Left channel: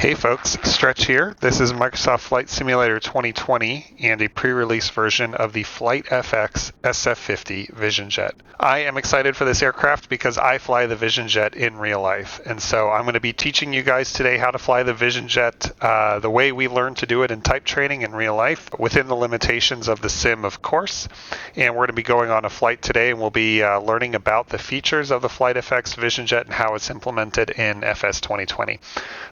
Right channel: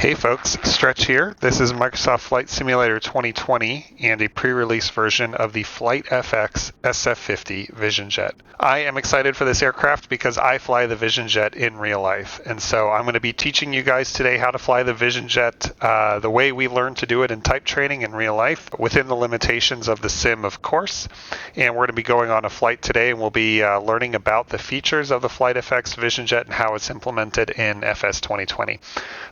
Hey folks, Stretch here. This is Microsoft Flight Simulator 2020 and a pre-release version of the FlightFX SF50 VisionJet. I am excited for this aircraft because I fly the VisionJet in real life, and so I'm going to be teaching you guys today how to fly the VisionJet the way we learned to do it in type training in real life, within the limitations of the sim, of course. And we're going to be going on a flight today, and we'll be learning about the features of the FlightFX VisionJet and how it's implemented in FS 2020.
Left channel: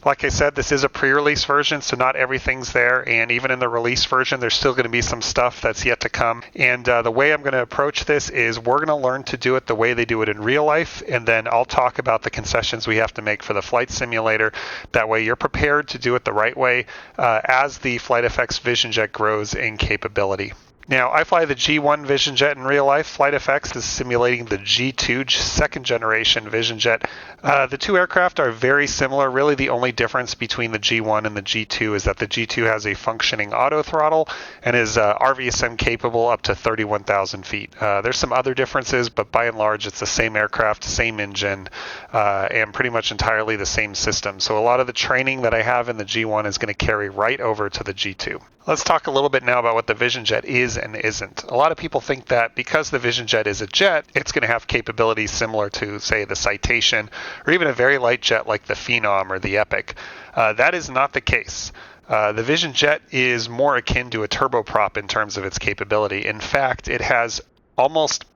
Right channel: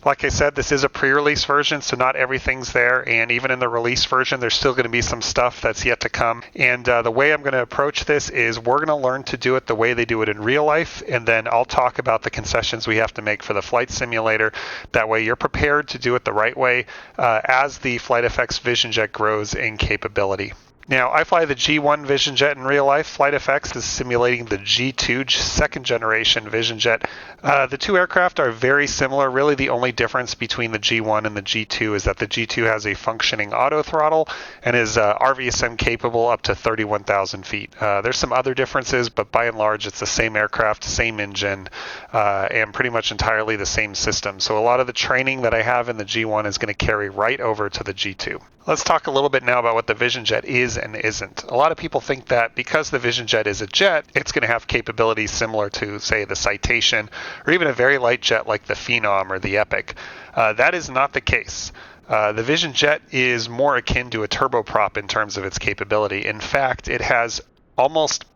Like I said, this is a pre-release version, so not everything's there, and even in the release version, there's still going to be some stuff that's yet to come. And the way I'm going to approach this is we're going to learn to do it the way they do it in real life, and then I'll talk about the concessions we have to make for the flight simulator. That way you're prepared to do it the right way as the FlightFX VisionJet grows in capability. Now, I fly the G1 VisionJet in real life. FlightFX is simulating the G2 second generation VisionJet. The two aircraft are very similar. Really, the only difference between the G1 and the G2 is that the G2 has a functioning auto throttle and is RVSM capable up to 31,000 feet. There's some other differences, but by and large, it's the same aircraft, same engine, and pretty much entirely the same system. So a lot of the training that I have in the G1 is going to carry right over to the G2. Let's talk a little bit now about what the VisionJet is and isn't. A lot of people think that because the VisionJet is a jet, it's going to have capabilities similar to, say, the Citation, or even a very light jet like the Phenom or the Epic. That is not the case. The VisionJet is more akin to a turboprop in terms of its capability. In fact, it has almost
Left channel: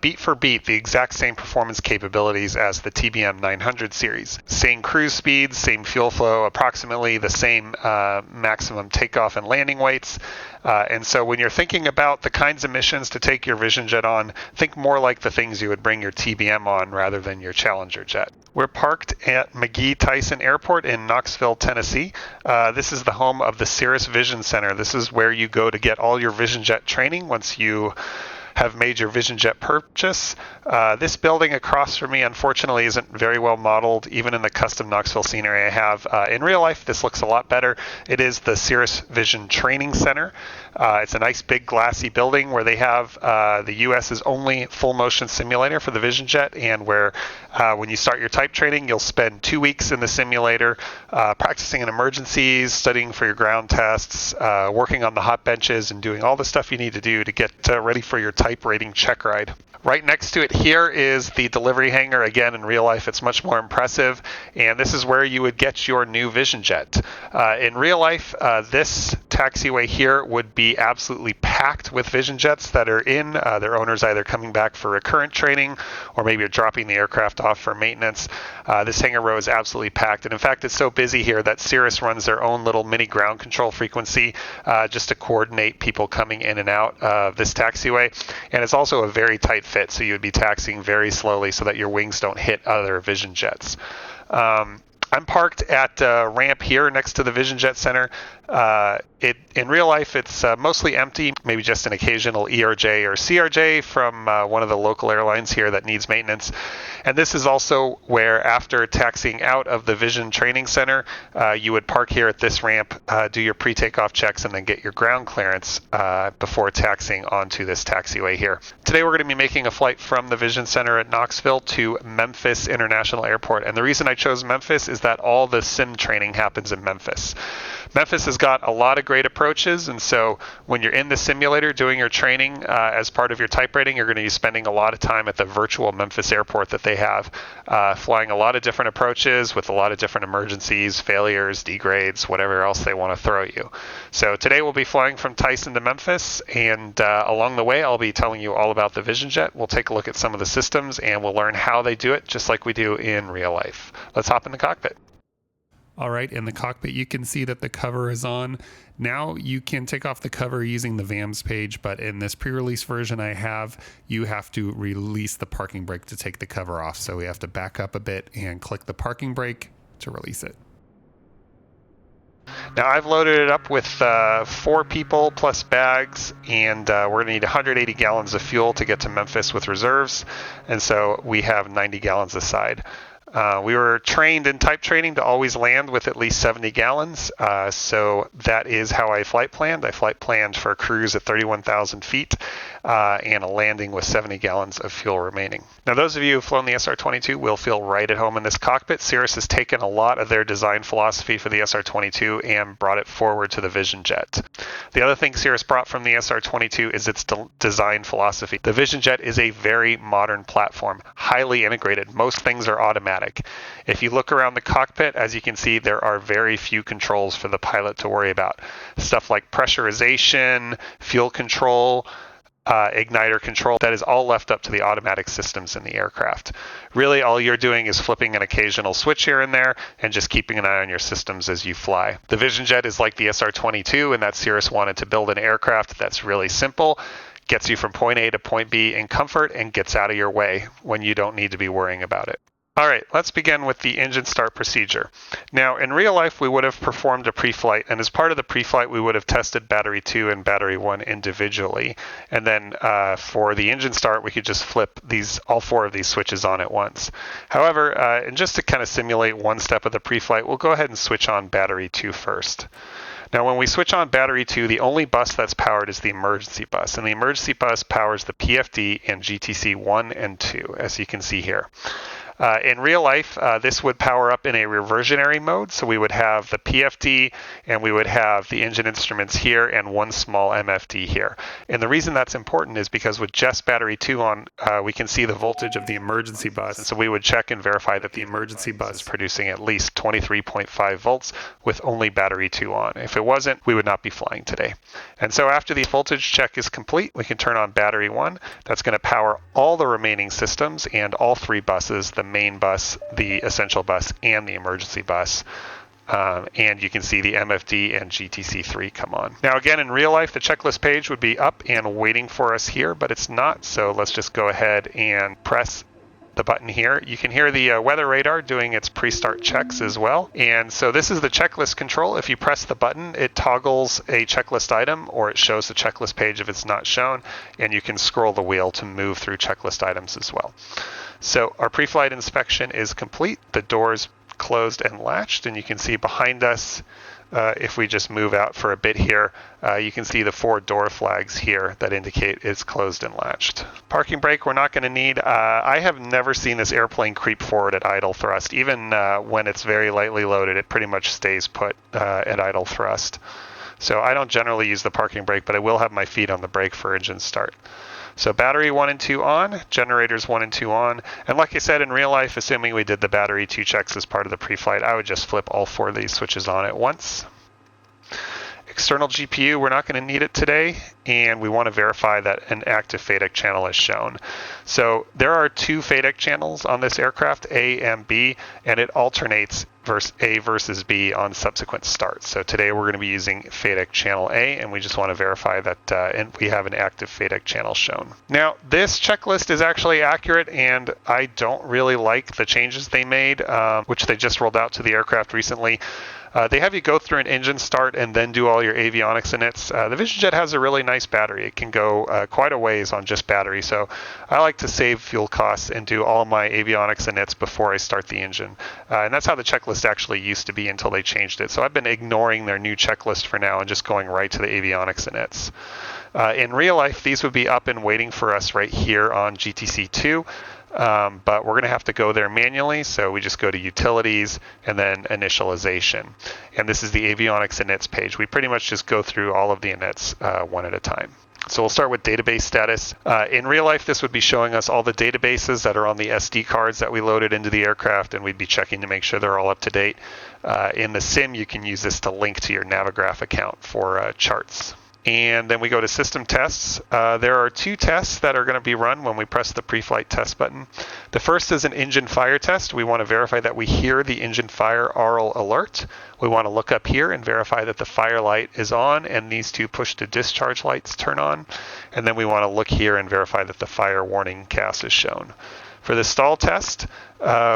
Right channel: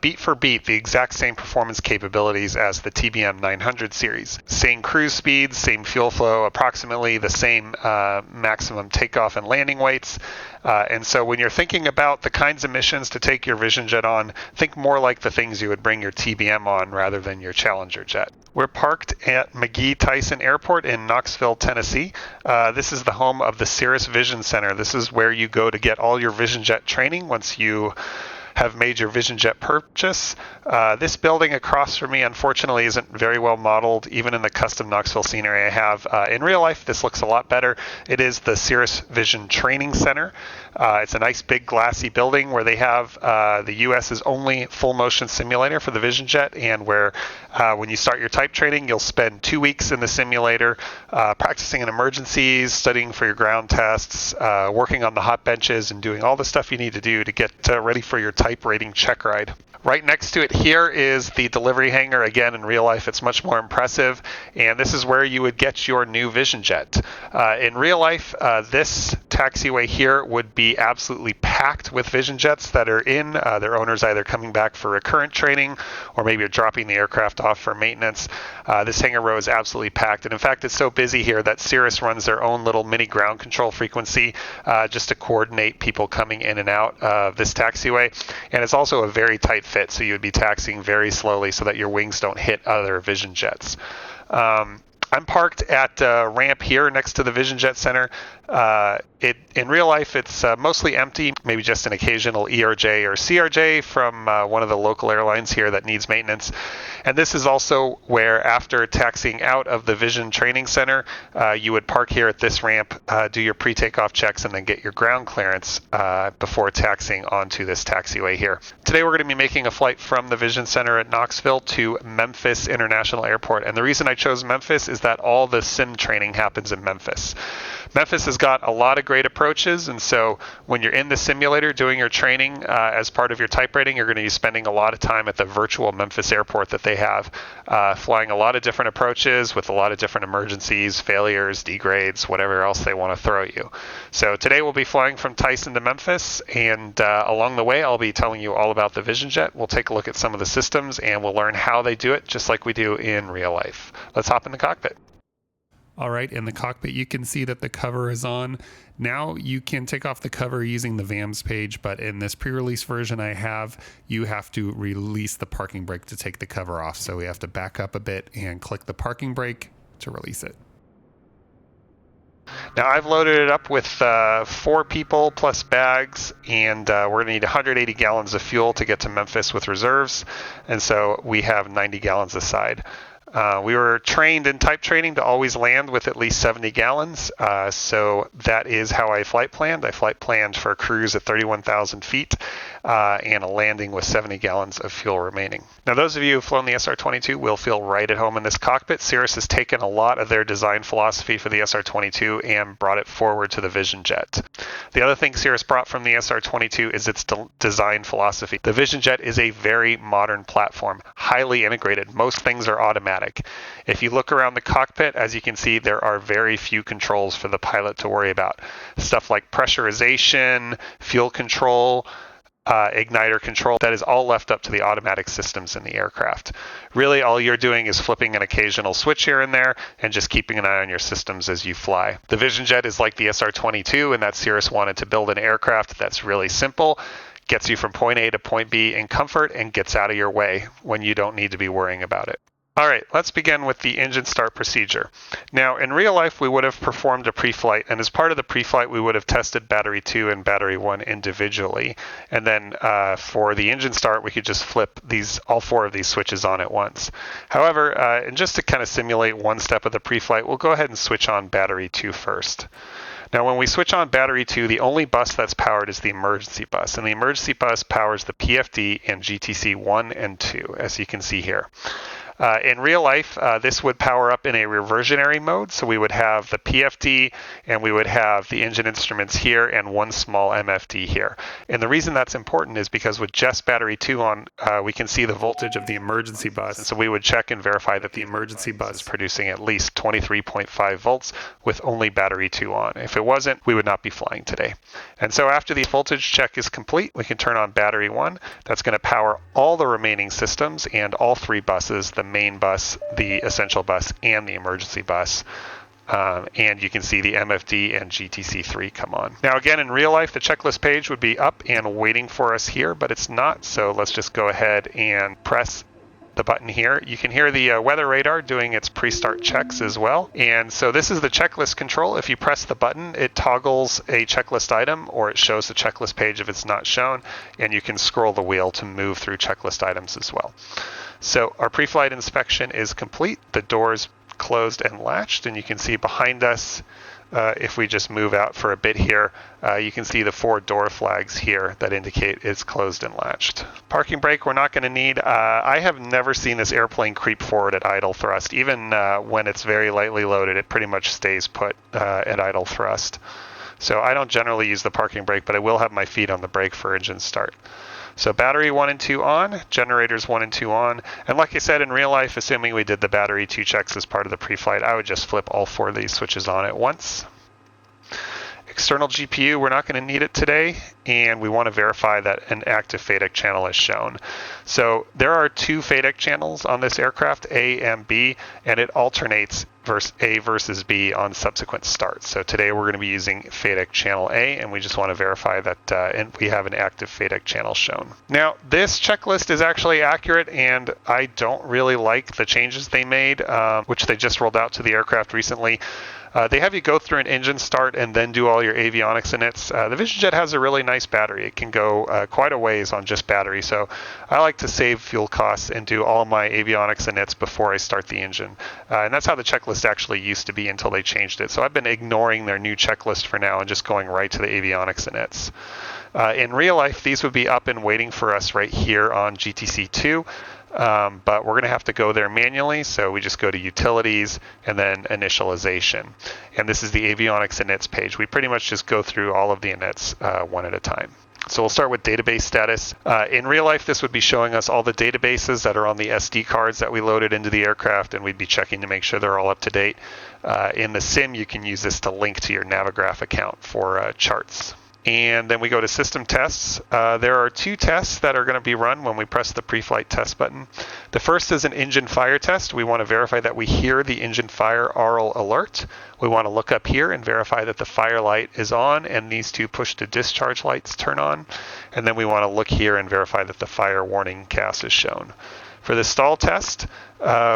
beat for beat the exact same performance capabilities as the TBM 900 series. Same cruise speeds, same fuel flow, approximately the same maximum takeoff and landing weights. And so when you're thinking about the kinds of missions to take your VisionJet on, think more like the things you would bring your TBM on rather than your Challenger jet. We're parked at McGee Tyson Airport in Knoxville, Tennessee. This is the home of the Cirrus Vision Center. This is where you go to get all your VisionJet training once you have made your VisionJet purchase. This building across from me, unfortunately, isn't very well modeled, even in the custom Knoxville scenery I have. In real life, this looks a lot better. It is the Cirrus Vision Training Center. It's a nice big glassy building where they have the US's only full motion simulator for the VisionJet, and where when you start your type training, you'll spend 2 weeks in the simulator practicing in emergencies, studying for your ground tests, working on the hot benches, and doing all the stuff you need to do to get ready for your type rating check ride. Right next to it here is the delivery hangar. Again, in real life, it's much more impressive, and this is where you would get your new VisionJet. In real life, this taxiway here would be absolutely packed with VisionJets that are in. Their owners either coming back for recurrent training or maybe are dropping the aircraft off for maintenance. This hangar row is absolutely packed, and in fact, it's so busy here that Cirrus runs their own little mini ground control frequency just to coordinate people coming in and out of this taxiway. And it's also a very tight fit, so you would be taxiing very slowly so that your wings don't hit other VisionJets. I'm parked at a ramp here next to the VisionJet Center. In real life, it's mostly empty, maybe just an occasional ERJ or CRJ from one of the local airlines here that needs maintenance. And this is also where, after taxiing out of the Vision Training Center, you would park here at this ramp, do your pre-takeoff checks, and then get your ground clearance before taxiing onto this taxiway here. Today we're going to be making a flight from the Vision Center at Knoxville to Memphis International Airport. And the reason I chose Memphis is that all the sim training happens in Memphis. Memphis has got a lot of great approaches, and so when you're in the simulator doing your training as part of your type rating, you're going to be spending a lot of time at the virtual Memphis airport that they have, flying a lot of different approaches with a lot of different emergencies, failures, degrades, whatever else they want to throw you. So today we'll be flying from Tyson to Memphis, and along the way I'll be telling you all about the VisionJet. We'll take a look at some of the systems, and we'll learn how they do it just like we do in real life. Let's hop in the cockpit. All right, in the cockpit, you can see that the cover is on. Now you can take off the cover using the VAMS page, but in this pre-release version I have, you have to release the parking brake to take the cover off. So we have to back up a bit and click the parking brake to release it. Now I've loaded it up with 4 people plus bags, and we're going to need 180 gallons of fuel to get to Memphis with reserves, and so we have 90 gallons aside. We were trained in type training to always land with at least 70 gallons, so that is how I flight planned. I flight planned for a cruise at 31,000 feet and a landing with 70 gallons of fuel remaining. Now, those of you who've flown the SR-22 will feel right at home in this cockpit. Cirrus has taken a lot of their design philosophy for the SR-22 and brought it forward to the VisionJet. The other thing Cirrus brought from the SR-22 is its design philosophy. The VisionJet is a very modern platform, highly integrated. Most things are automatic. If you look around the cockpit, as you can see, there are very few controls for the pilot to worry about. Stuff like pressurization, fuel control, igniter control, that is all left up to the automatic systems in the aircraft. Really, all you're doing is flipping an occasional switch here and there and just keeping an eye on your systems as you fly. The VisionJet is like the SR-22 in that Cirrus wanted to build an aircraft that's really simple, gets you from point A to point B in comfort, and gets out of your way when you don't need to be worrying about it. All right, let's begin with the engine start procedure. Now, in real life, we would have performed a pre-flight, and as part of the pre-flight, we would have tested battery 2 and battery 1 individually. And then for the engine start, we could just flip all 4 of these switches on at once. However, and just to kind of simulate one step of the pre-flight, we'll go ahead and switch on battery 2 first. Now, when we switch on battery 2, the only bus that's powered is the emergency bus, and the emergency bus powers the PFD and GTC 1 and 2, as you can see here. In real life, this would power up in a reversionary mode, so we would have the PFD and we would have the engine instruments here and one small MFD here. And the reason that's important is because with just battery 2 on, we can see the voltage of the emergency bus, and so we would check and verify that the emergency bus is producing at least 23.5 volts with only battery 2 on. If it wasn't, we would not be flying today. And so after the voltage check is complete, we can turn on battery 1. That's going to power all the remaining systems and all 3 buses, the main bus, the essential bus, and the emergency bus. And you can see the MFD and GTC3 come on. Now again, in real life, the checklist page would be up and waiting for us here, but it's not, so let's just go ahead and press the button here. You can hear the weather radar doing its pre-start checks as well. And so this is the checklist control. If you press the button, it toggles a checklist item, or it shows the checklist page if it's not shown, and you can scroll the wheel to move through checklist items as well. So our pre-flight inspection is complete. The doors closed and latched, and you can see behind us, if we just move out for a bit here, you can see the 4 door flags here that indicate it's closed and latched. Parking brake we're not going to need. I have never seen this airplane creep forward at idle thrust. Even when it's very lightly loaded, it pretty much stays put at idle thrust. So I don't generally use the parking brake, but I will have my feet on the brake for engine start. So battery 1 and 2 on, generators 1 and 2 on, and like I said, in real life, assuming we did the battery 2 checks as part of the pre-flight, I would just flip all 4 of these switches on at once. External GPU, we're not going to need it today, and we want to verify that an active FADEC channel is shown. So there are 2 FADEC channels on this aircraft, A and B, and it alternates A versus B on subsequent starts. So today we're going to be using FADEC channel A, and we just want to verify that we have an active FADEC channel shown. Now, this checklist is actually accurate, and I don't really like the changes they made, which they just rolled out to the aircraft recently. They have you go through an engine start and then do all your avionics inits. The VisionJet has a really nice battery. It can go quite a ways on just battery, so I like to save fuel costs and do all my avionics inits before I start the engine. And that's how the checklist actually used to be until they changed it. So I've been ignoring their new checklist for now and just going right to the avionics inits. In real life, these would be up and waiting for us right here on GTC2. But we're going to have to go there manually, so we just go to Utilities and then Initialization. And this is the Avionics Inits page. We pretty much just go through all of the inits one at a time. So we'll start with database status. In real life, this would be showing us all the databases that are on the SD cards that we loaded into the aircraft, and we'd be checking to make sure they're all up to date. In the sim, you can use this to link to your Navigraph account for charts. And then we go to system tests. There are 2 tests that are going to be run when we press the pre-flight test button. The first is an engine fire test. We want to verify that we hear the engine fire aural alert. We want to look up here and verify that the fire light is on and these 2 push to discharge lights turn on. And then we want to look here and verify that the fire warning cast is shown. For the stall test,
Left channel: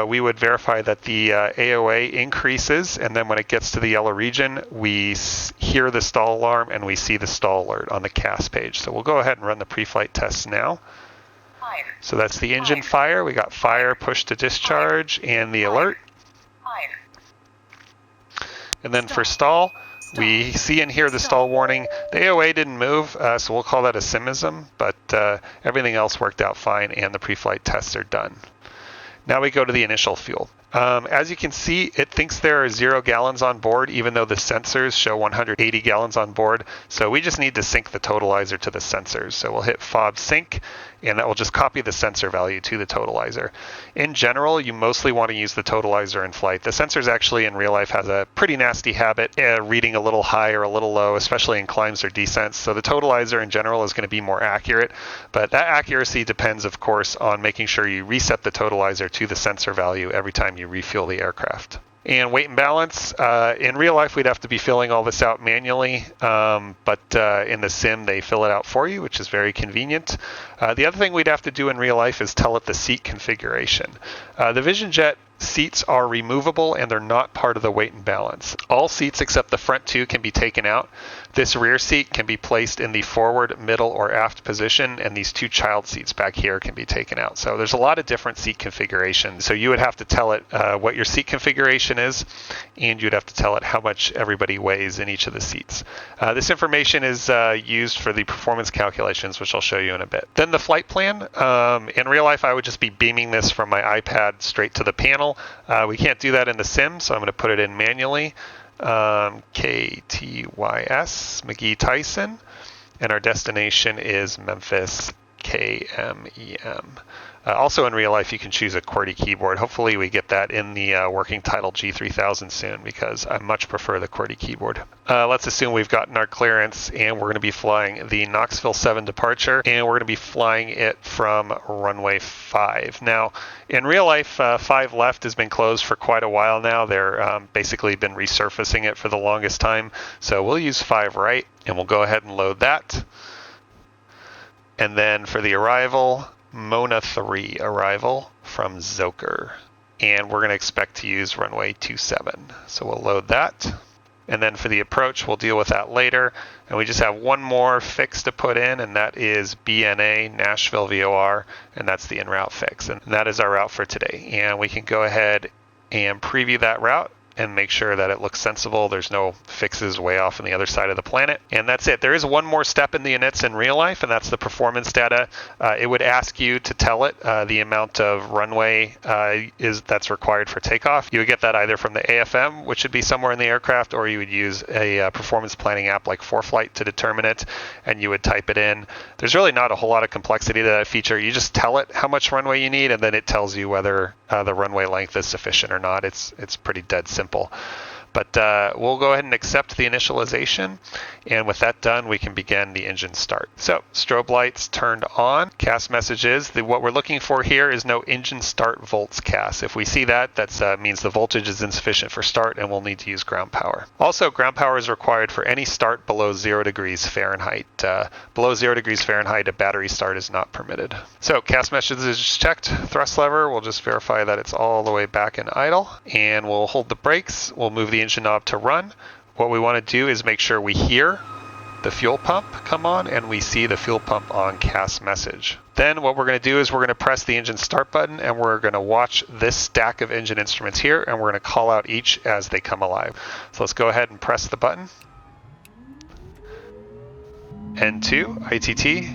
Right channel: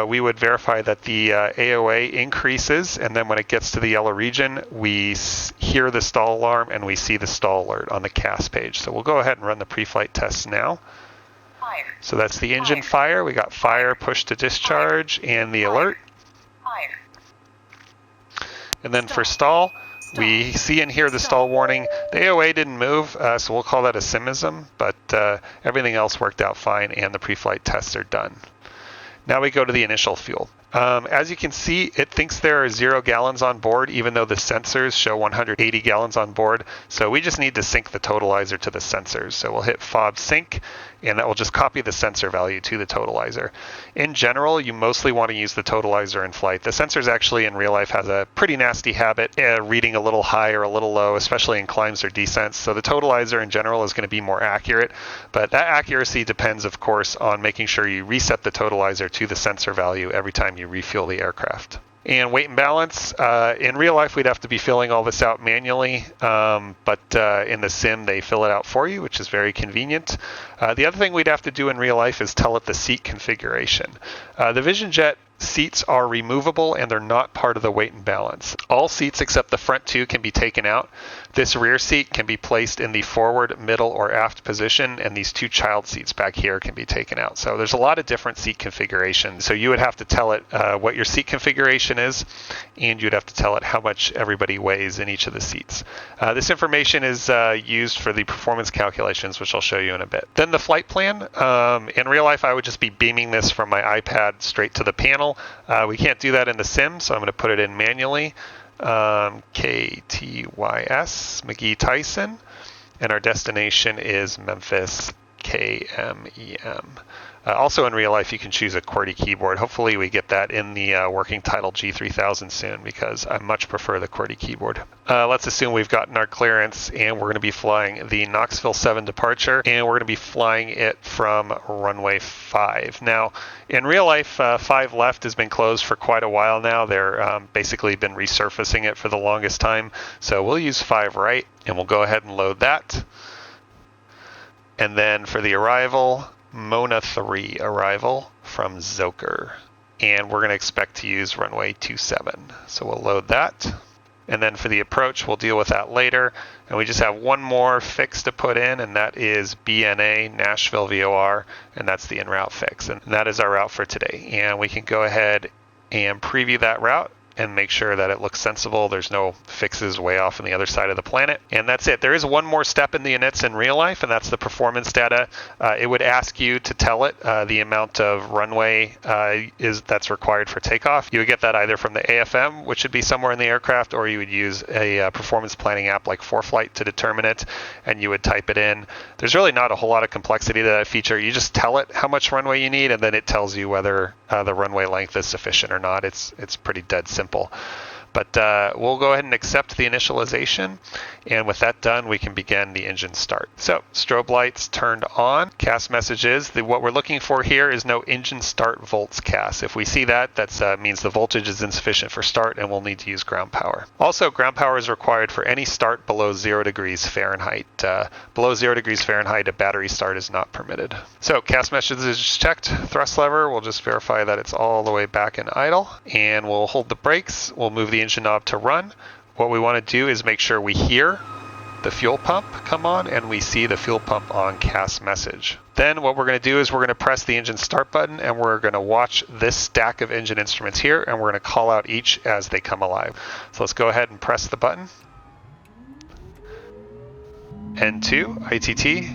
we would verify that the AOA increases, and then when it gets to the yellow region, we hear the stall alarm and we see the stall alert on the CAS page. So we'll go ahead and run the pre-flight test now. So that's the engine fire. We got fire, push to discharge, and the alert. And then for stall, we see and hear the stall warning. The AOA didn't move, so we'll call that a simism, but everything else worked out fine, and the pre-flight tests are done. Now we go to the initial fuel. As you can see, it thinks there are 0 gallons on board, even though the sensors show 180 gallons on board. So we just need to sync the totalizer to the sensors. So we'll hit FOB sync, and that will just copy the sensor value to the totalizer. In general, you mostly want to use the totalizer in flight. The sensors actually in real life has a pretty nasty habit reading a little high or a little low, especially in climbs or descents. So the totalizer in general is going to be more accurate, but that accuracy depends, of course, on making sure you reset the totalizer to the sensor value every time you refuel the aircraft. And weight and balance, in real life we'd have to be filling all this out manually, but in the sim they fill it out for you, which is very convenient. The other thing we'd have to do in real life is tell it the seat configuration. The VisionJet seats are removable and they're not part of the weight and balance. All seats except the front 2 can be taken out. This rear seat can be placed in the forward, middle, or aft position, and these 2 child seats back here can be taken out. So there's a lot of different seat configurations. So you would have to tell it what your seat configuration is, and you'd have to tell it how much everybody weighs in each of the seats. This information is used for the performance calculations, which I'll show you in a bit. Then the flight plan. In real life, I would just be beaming this from my iPad straight to the panel. We can't do that in the sim, so I'm going to put it in manually. KTYS, McGee Tyson, and our destination is Memphis, KMEM. Also in real life, you can choose a QWERTY keyboard. Hopefully we get that in the working title G3000 soon, because I much prefer the QWERTY keyboard. Let's assume we've gotten our clearance, and we're going to be flying the Knoxville 7 departure, and we're going to be flying it from runway 5. Now, in real life, 5 left has been closed for quite a while now. They're basically been resurfacing it for the longest time. So we'll use 5 right, and we'll go ahead and load that. And then for the arrival, Mona 3 arrival from Zoker. And we're going to expect to use runway 27. So we'll load that. And then for the approach, we'll deal with that later. And we just have one more fix to put in, and that is BNA Nashville VOR, and that's the en route fix. And that is our route for today. And we can go ahead and preview that route and make sure that it looks sensible. There's no fixes way off on the other side of the planet. And that's it. There is one more step in the inits in real life, and that's the performance data. It would ask you to tell it the amount of runway that's required for takeoff. You would get that either from the AFM, which should be somewhere in the aircraft, or you would use a performance planning app like Flight to determine it, and you would type it in. There's really not a whole lot of complexity to that feature. You just tell it how much runway you need, and then it tells you whether the runway length is sufficient or not. It's pretty dead simple. But we'll go ahead and accept the initialization, and with that done, we can begin the engine start. So strobe lights turned on. CAS message is what we're looking for here is no engine start volts CAS. If we see that, that means the voltage is insufficient for start, and we'll need to use ground power. Also, ground power is required for any start below 0 degrees Fahrenheit. Below 0 degrees Fahrenheit, a battery start is not permitted. So CAS message is checked. Thrust lever, we'll just verify that it's all the way back in idle, and we'll hold the brakes. We'll move the engine knob to run. What we want to do is make sure we hear the fuel pump come on and we see the fuel pump on CAS message. Then what we're going to do is we're going to press the engine start button, and we're going to watch this stack of engine instruments here, and we're going to call out each as they come alive. So let's go ahead and press the button. N2, ITT.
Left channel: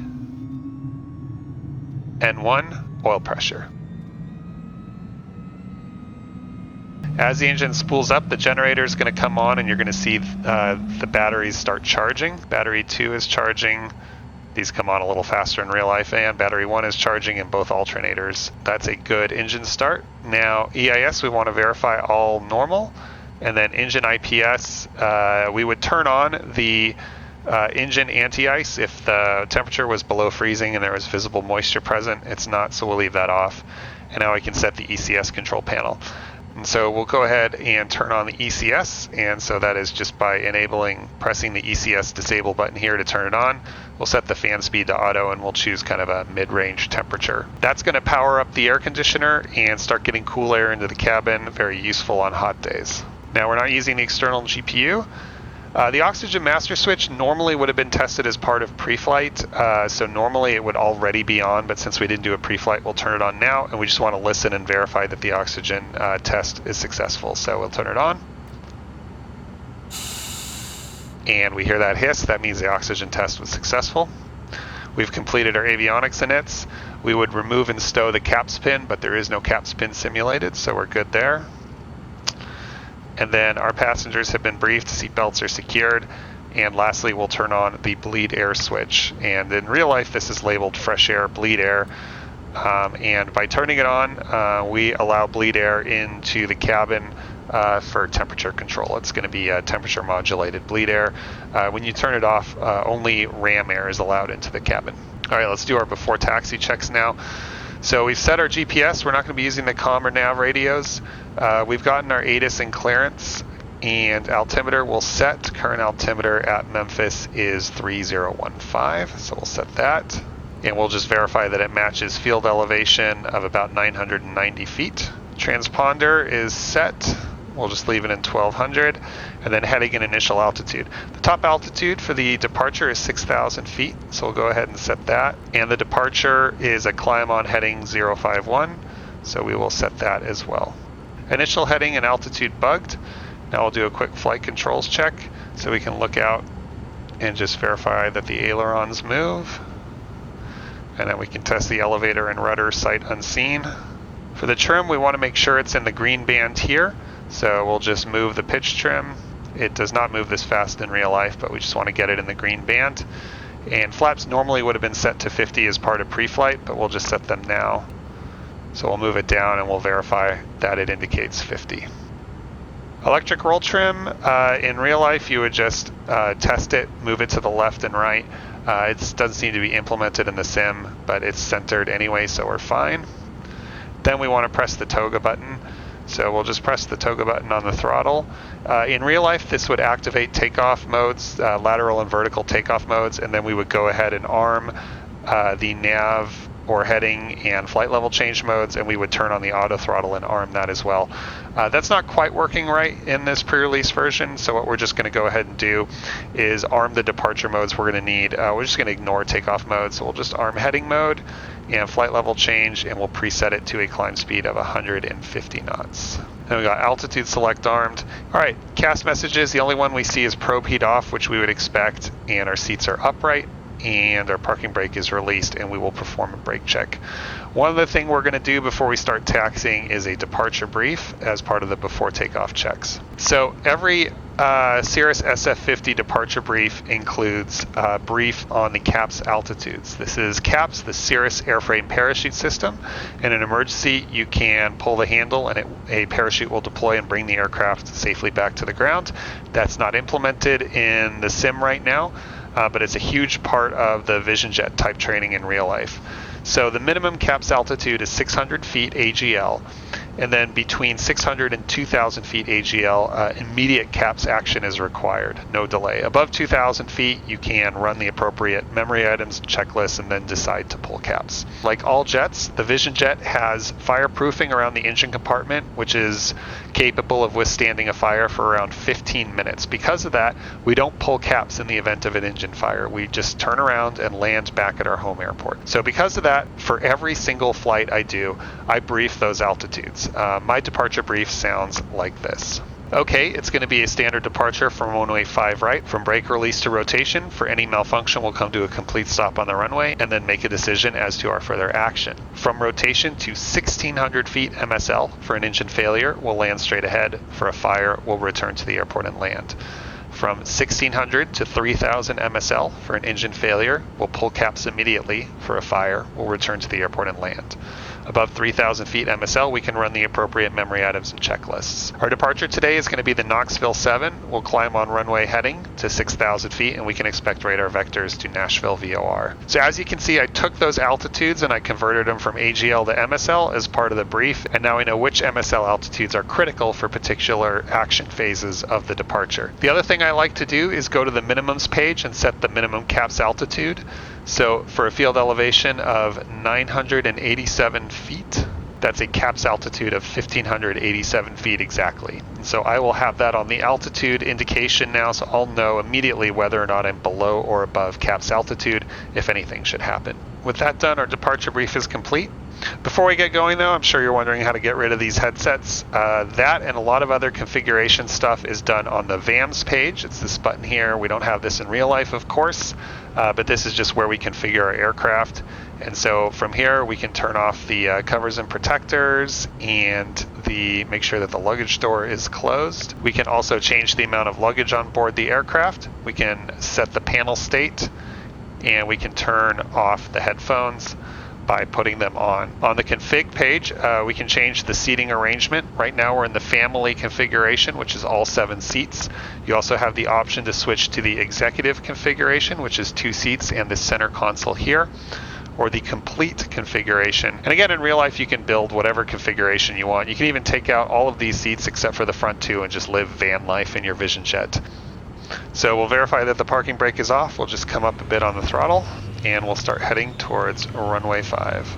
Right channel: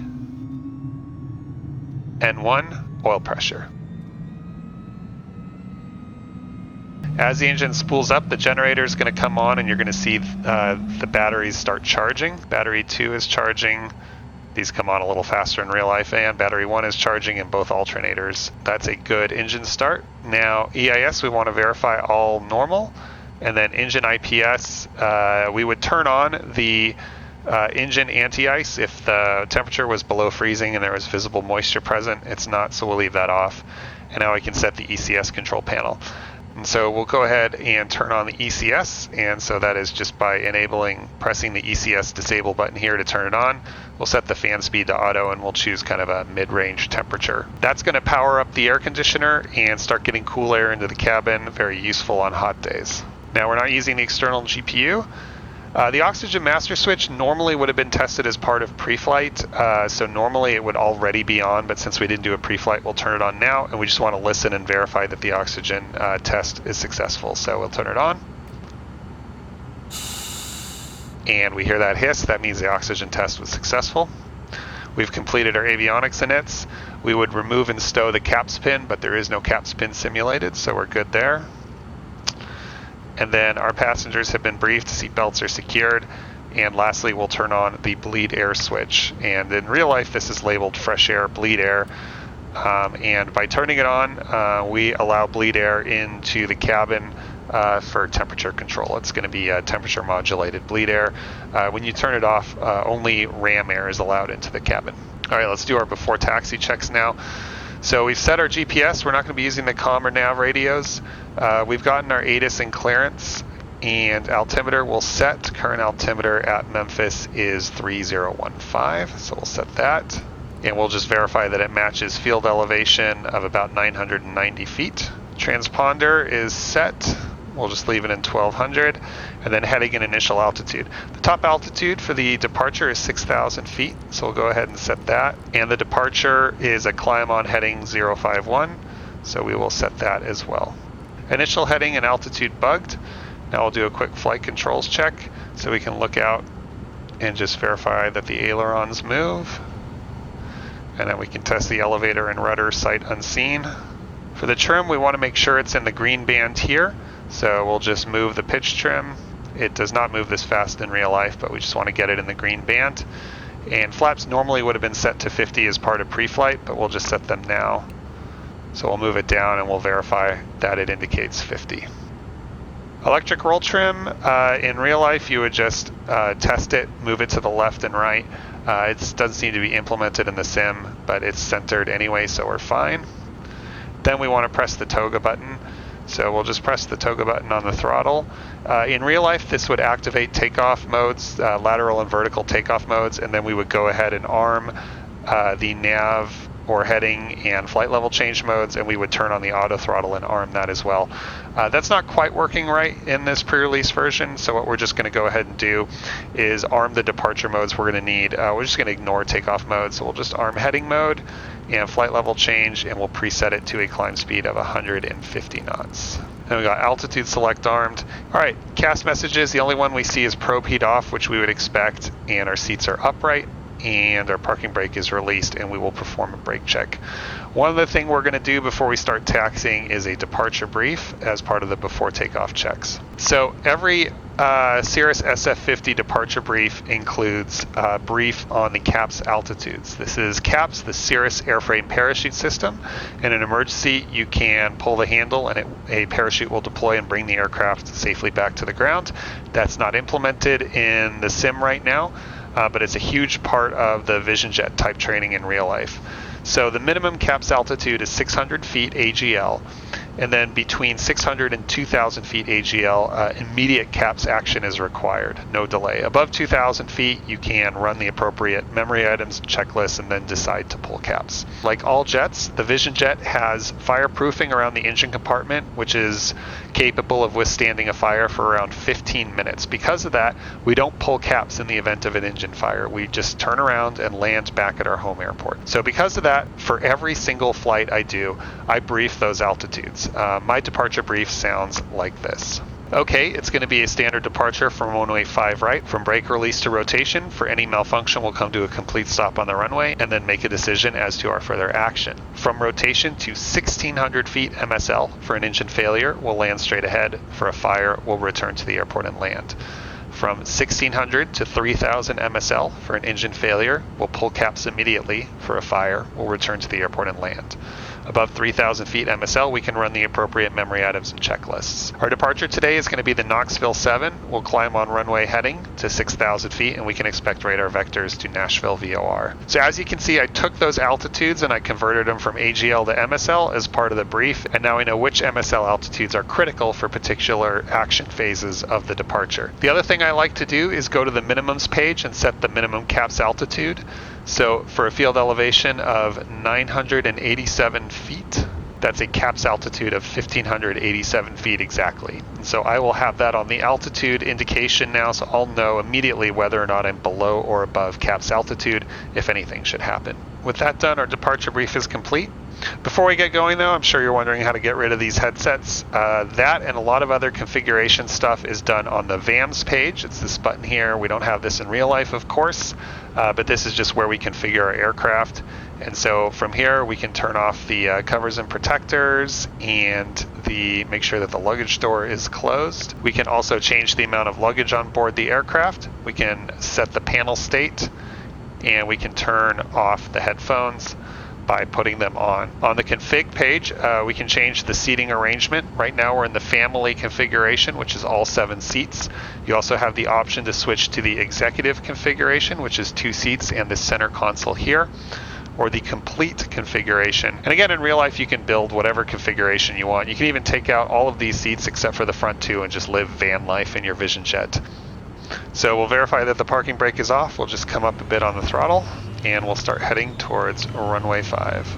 N1, oil pressure. As the engine spools up, the generator is going to come on, and you're going to see the batteries start charging. Battery 2 is charging. These come on a little faster in real life, and battery 1 is charging in both alternators. That's a good engine start. Now, EIS, we want to verify all normal. And then engine IPS, we would turn on the engine anti-ice if the temperature was below freezing and there was visible moisture present. It's not, so we'll leave that off. And now we can set the ECS control panel. And so we'll go ahead and turn on the ECS, and so that is just by pressing the ECS disable button here to turn it on. We'll set the fan speed to auto, and we'll choose kind of a mid-range temperature. That's going to power up the air conditioner and start getting cool air into the cabin, very useful on hot days. Now we're not using the external GPU. The oxygen master switch normally would have been tested as part of pre-flight, so normally it would already be on, but since we didn't do a pre-flight, we'll turn it on now, and we just want to listen and verify that the oxygen test is successful. So we'll turn it on. And we hear that hiss. That means the oxygen test was successful. We've completed our avionics inits. We would remove and stow the caps pin, but there is no caps pin simulated, so we're good there. And then our passengers have been briefed, seatbelts are secured, and lastly we'll turn on the bleed air switch. And in real life this is labeled fresh air, bleed air, and by turning it on we allow bleed air into the cabin for temperature control. It's going to be temperature modulated bleed air. When you turn it off, only RAM air is allowed into the cabin. All right, let's do our before taxi checks now. So we've set our GPS. We're not going to be using the comm or nav radios. We've gotten our ATIS in clearance, and altimeter will set. Current altimeter at Memphis is 3015, so we'll set that. And we'll just verify that it matches field elevation of about 990 feet. Transponder is set. We'll just leave it in 1200, and then heading in initial altitude. The top altitude for the departure is 6,000 feet, so we'll go ahead and set that. And the departure is a climb on heading 051, so we will set that as well. Initial heading and altitude bugged. Now we'll do a quick flight controls check, so we can look out and just verify that the ailerons move. And then we can test the elevator and rudder sight unseen. For the trim, we want to make sure it's in the green band here. So we'll just move the pitch trim. It does not move this fast in real life, but we just want to get it in the green band. And flaps normally would have been set to 50 as part of pre-flight, but we'll just set them now. So we'll move it down and we'll verify that it indicates 50. Electric roll trim, in real life you would just test it, move it to the left and right. It doesn't seem to be implemented in the sim, but it's centered anyway, so we're fine. Then we want to press the toga button. So we'll just press the toga button on the throttle. In real life, this would activate takeoff modes, lateral and vertical takeoff modes, and then we would go ahead and arm the nav or heading and flight level change modes, and we would turn on the auto throttle and arm that as well. That's not quite working right in this pre-release version, so what we're just going to go ahead and do is arm the departure modes we're going to need. We're just going to ignore takeoff mode, so we'll just arm heading mode and flight level change, and we'll preset it to a climb speed of 150 knots. Then we got altitude select armed. All right, CAS messages, the only one we see is probe heat off, which we would expect, and our seats are upright, and our parking brake is released, and we will perform a brake check. One other thing we're going to do before we start taxiing is a departure brief as part of the before takeoff checks. So every Cirrus SF50 departure brief includes a brief on the CAPS altitudes. This is CAPS, the Cirrus airframe parachute system. In an emergency, you can pull the handle and a parachute will deploy and bring the aircraft safely back to the ground. That's not implemented in the sim right now, but it's a huge part of the VisionJet type training in real life. So the minimum CAPS altitude is 600 feet AGL, and then between 600 and 2,000 feet AGL, immediate CAPS action is required, no delay. Above 2,000 feet, you can run the appropriate memory items, checklists, and then decide to pull CAPS. Like all jets, the VisionJet has fireproofing around the engine compartment, which is capable of withstanding a fire for around 15 minutes. Because of that, we don't pull CAPS in the event of an engine fire. We just turn around and land back at our home airport. So because of that, for every single flight I do, I brief those altitudes. My departure brief sounds like this. Okay, it's going to be a standard departure from runway 5 right. From brake release to rotation, for any malfunction, we'll come to a complete stop on the runway and then make a decision as to our further action. From rotation to 1,600 feet MSL, for an engine failure, we'll land straight ahead. For a fire, we'll return to the airport and land. From 1,600 to 3,000 MSL, for an engine failure, we'll pull CAPS immediately. For a fire, we'll return to the airport and land. Above 3,000 feet MSL, we can run the appropriate memory items and checklists. Our departure today is going to be the Knoxville 7. We'll climb on runway heading to 6,000 feet, and we can expect radar vectors to Nashville VOR. So as you can see, I took those altitudes and I converted them from AGL to MSL as part of the brief, and now I know which MSL altitudes are critical for particular action phases of the departure. The other thing I like to do is go to the minimums page and set the minimum CAPS altitude. So for a field elevation of 987 feet, That's a CAPS altitude of 1,587 feet exactly. And so I will have that on the altitude indication now, so I'll know immediately whether or not I'm below or above CAPS altitude if anything should happen. With that done, our departure brief is complete. Before we get going though, I'm sure you're wondering how to get rid of these headsets. That and a lot of other configuration stuff is done on the VAMS page. It's this button here. We don't have this in real life, of course, but this is just where we configure our aircraft. And so from here, we can turn off the covers and protectors and make sure that the luggage door is closed. We can also change the amount of luggage on board the aircraft. We can set the panel state, and we can turn off the headphones by putting them on. On the config page, we can change the seating arrangement. Right now we're in the family configuration, which is all 7 seats. You also have the option to switch to the executive configuration, which is 2 seats and the center console here, or the complete configuration. And again, in real life, you can build whatever configuration you want. You can even take out all of these seats except for the front 2 and just live van life in your VisionJet. So we'll verify that the parking brake is off. We'll just come up a bit on the throttle, and we'll start heading towards runway 5.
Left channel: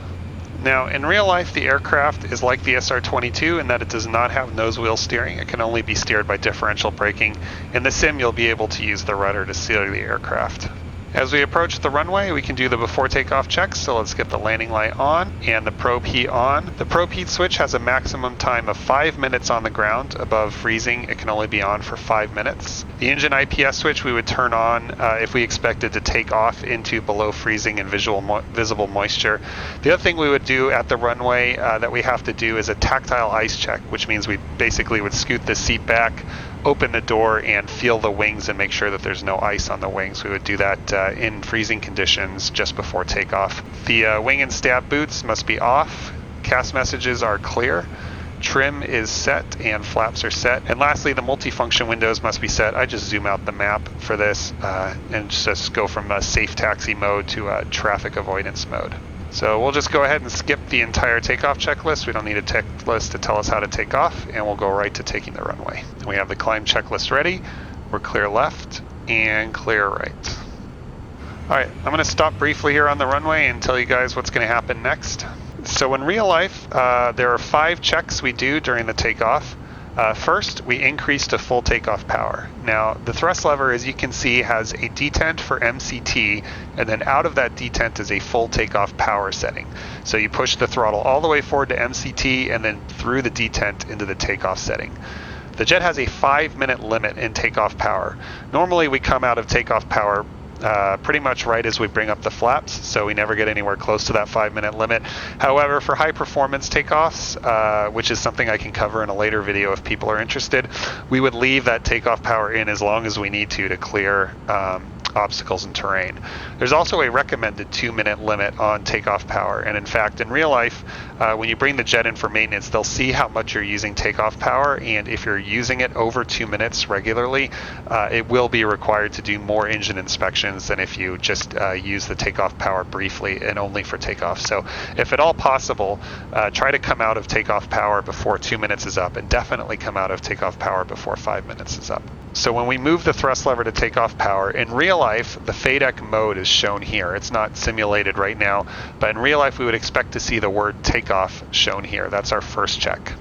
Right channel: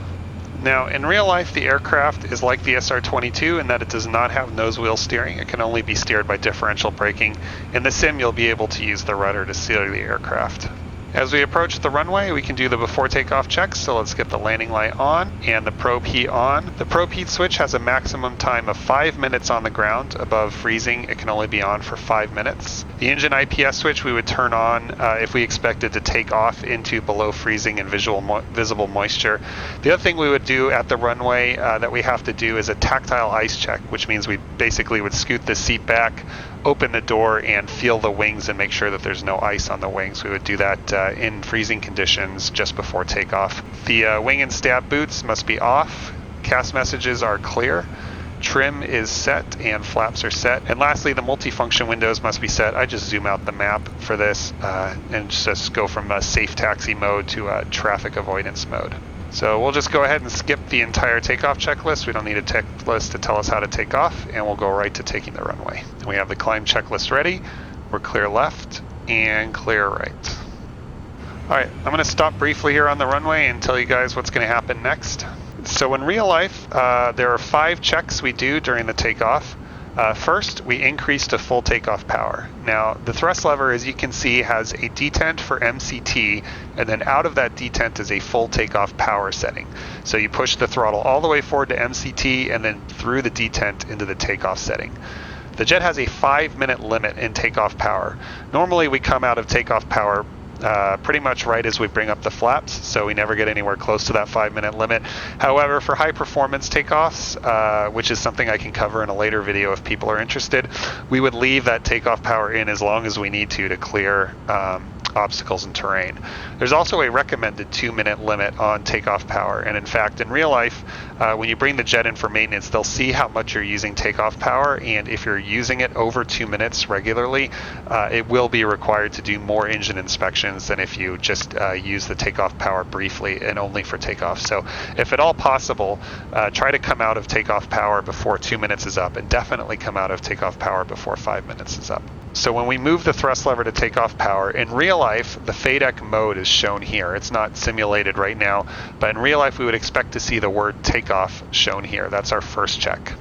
Now, in real life, the aircraft is like the SR-22 in that it does not have nose wheel steering. It can only be steered by differential braking. In the sim, you'll be able to use the rudder to steer the aircraft. As we approach the runway, we can do the before takeoff checks, so let's get the landing light on and the probe heat on. The probe heat switch has a maximum time of 5 minutes on the ground. Above freezing, it can only be on for 5 minutes. The engine IPS switch we would turn on if we expected to take off into below freezing and visible moisture. The other thing we would do at the runway that we have to do is a tactile ice check, which means we basically would scoot the seat back, open the door, and feel the wings and make sure that there's no ice on the wings. We would do that in freezing conditions just before takeoff. The wing and stab boots must be off. CAS messages are clear. Trim is set and flaps are set. And lastly, the multifunction windows must be set. I just zoom out the map for this and just go from a safe taxi mode to a traffic avoidance mode. So we'll just go ahead and skip the entire takeoff checklist. We don't need a checklist to tell us how to take off, and we'll go right to taking the runway. We have the climb checklist ready. We're clear left and clear right. All right, I'm gonna stop briefly here on the runway and tell you guys what's gonna happen next. So in real life, there are 5 checks we do during the takeoff. First, we increase to full takeoff power. Now, the thrust lever, as you can see, has a detent for MCT, and then out of that detent is a full takeoff power setting. So you push the throttle all the way forward to MCT and then through the detent into the takeoff setting. The jet has a 5-minute limit in takeoff power. Normally, we come out of takeoff power pretty much right as we bring up the flaps, so we never get anywhere close to that 5-minute limit. However, for high performance takeoffs, which is something I can cover in a later video if people are interested, we would leave that takeoff power in as long as we need to clear obstacles and terrain. There's also a recommended 2-minute limit on takeoff power, and in fact, in real life, when you bring the jet in for maintenance, they'll see how much you're using takeoff power, and if you're using it over 2 minutes regularly, it will be required to do more engine inspections than if you just use the takeoff power briefly and only for takeoff. So if at all possible, try to come out of takeoff power before 2 minutes is up, and definitely come out of takeoff power before 5 minutes is up. So when we move the thrust lever to takeoff power, in real life, the FADEC mode is shown here. It's not simulated right now, but in real life, we would expect to see the word takeoff shown here. That's our first check.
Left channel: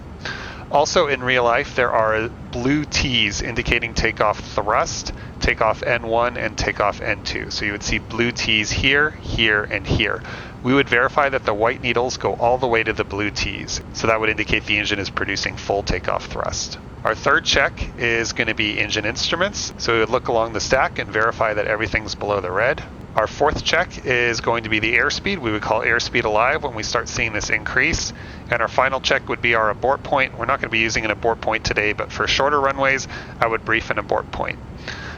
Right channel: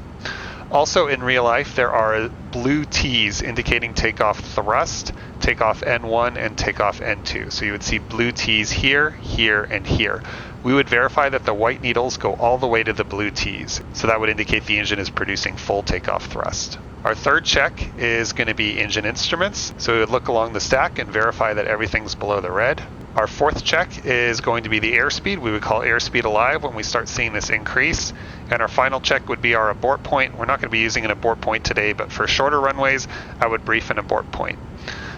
Also in real life, there are blue T's indicating takeoff thrust, takeoff N1, and takeoff N2. So you would see blue T's here, here, and here. We would verify that the white needles go all the way to the blue T's. So that would indicate the engine is producing full takeoff thrust. Our third check is going to be engine instruments. So we would look along the stack and verify that everything's below the red. Our fourth check is going to be the airspeed. We would call airspeed alive when we start seeing this increase. And our final check would be our abort point. We're not going to be using an abort point today, but for shorter runways, I would brief an abort point.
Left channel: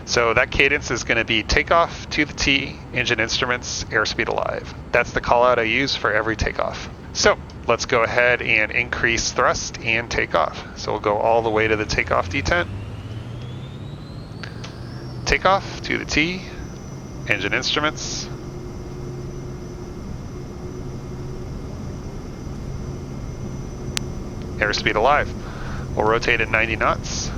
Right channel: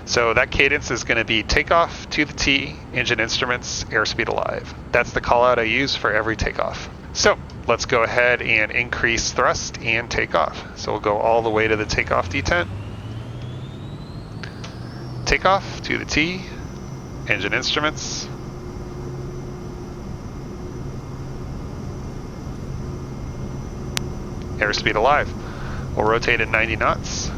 So that cadence is going to be takeoff to the T, engine instruments, airspeed alive. That's the call out I use for every takeoff. So let's go ahead and increase thrust and takeoff. So we'll go all the way to the takeoff detent. Takeoff to the T, engine instruments. Airspeed alive. We'll rotate at 90 knots.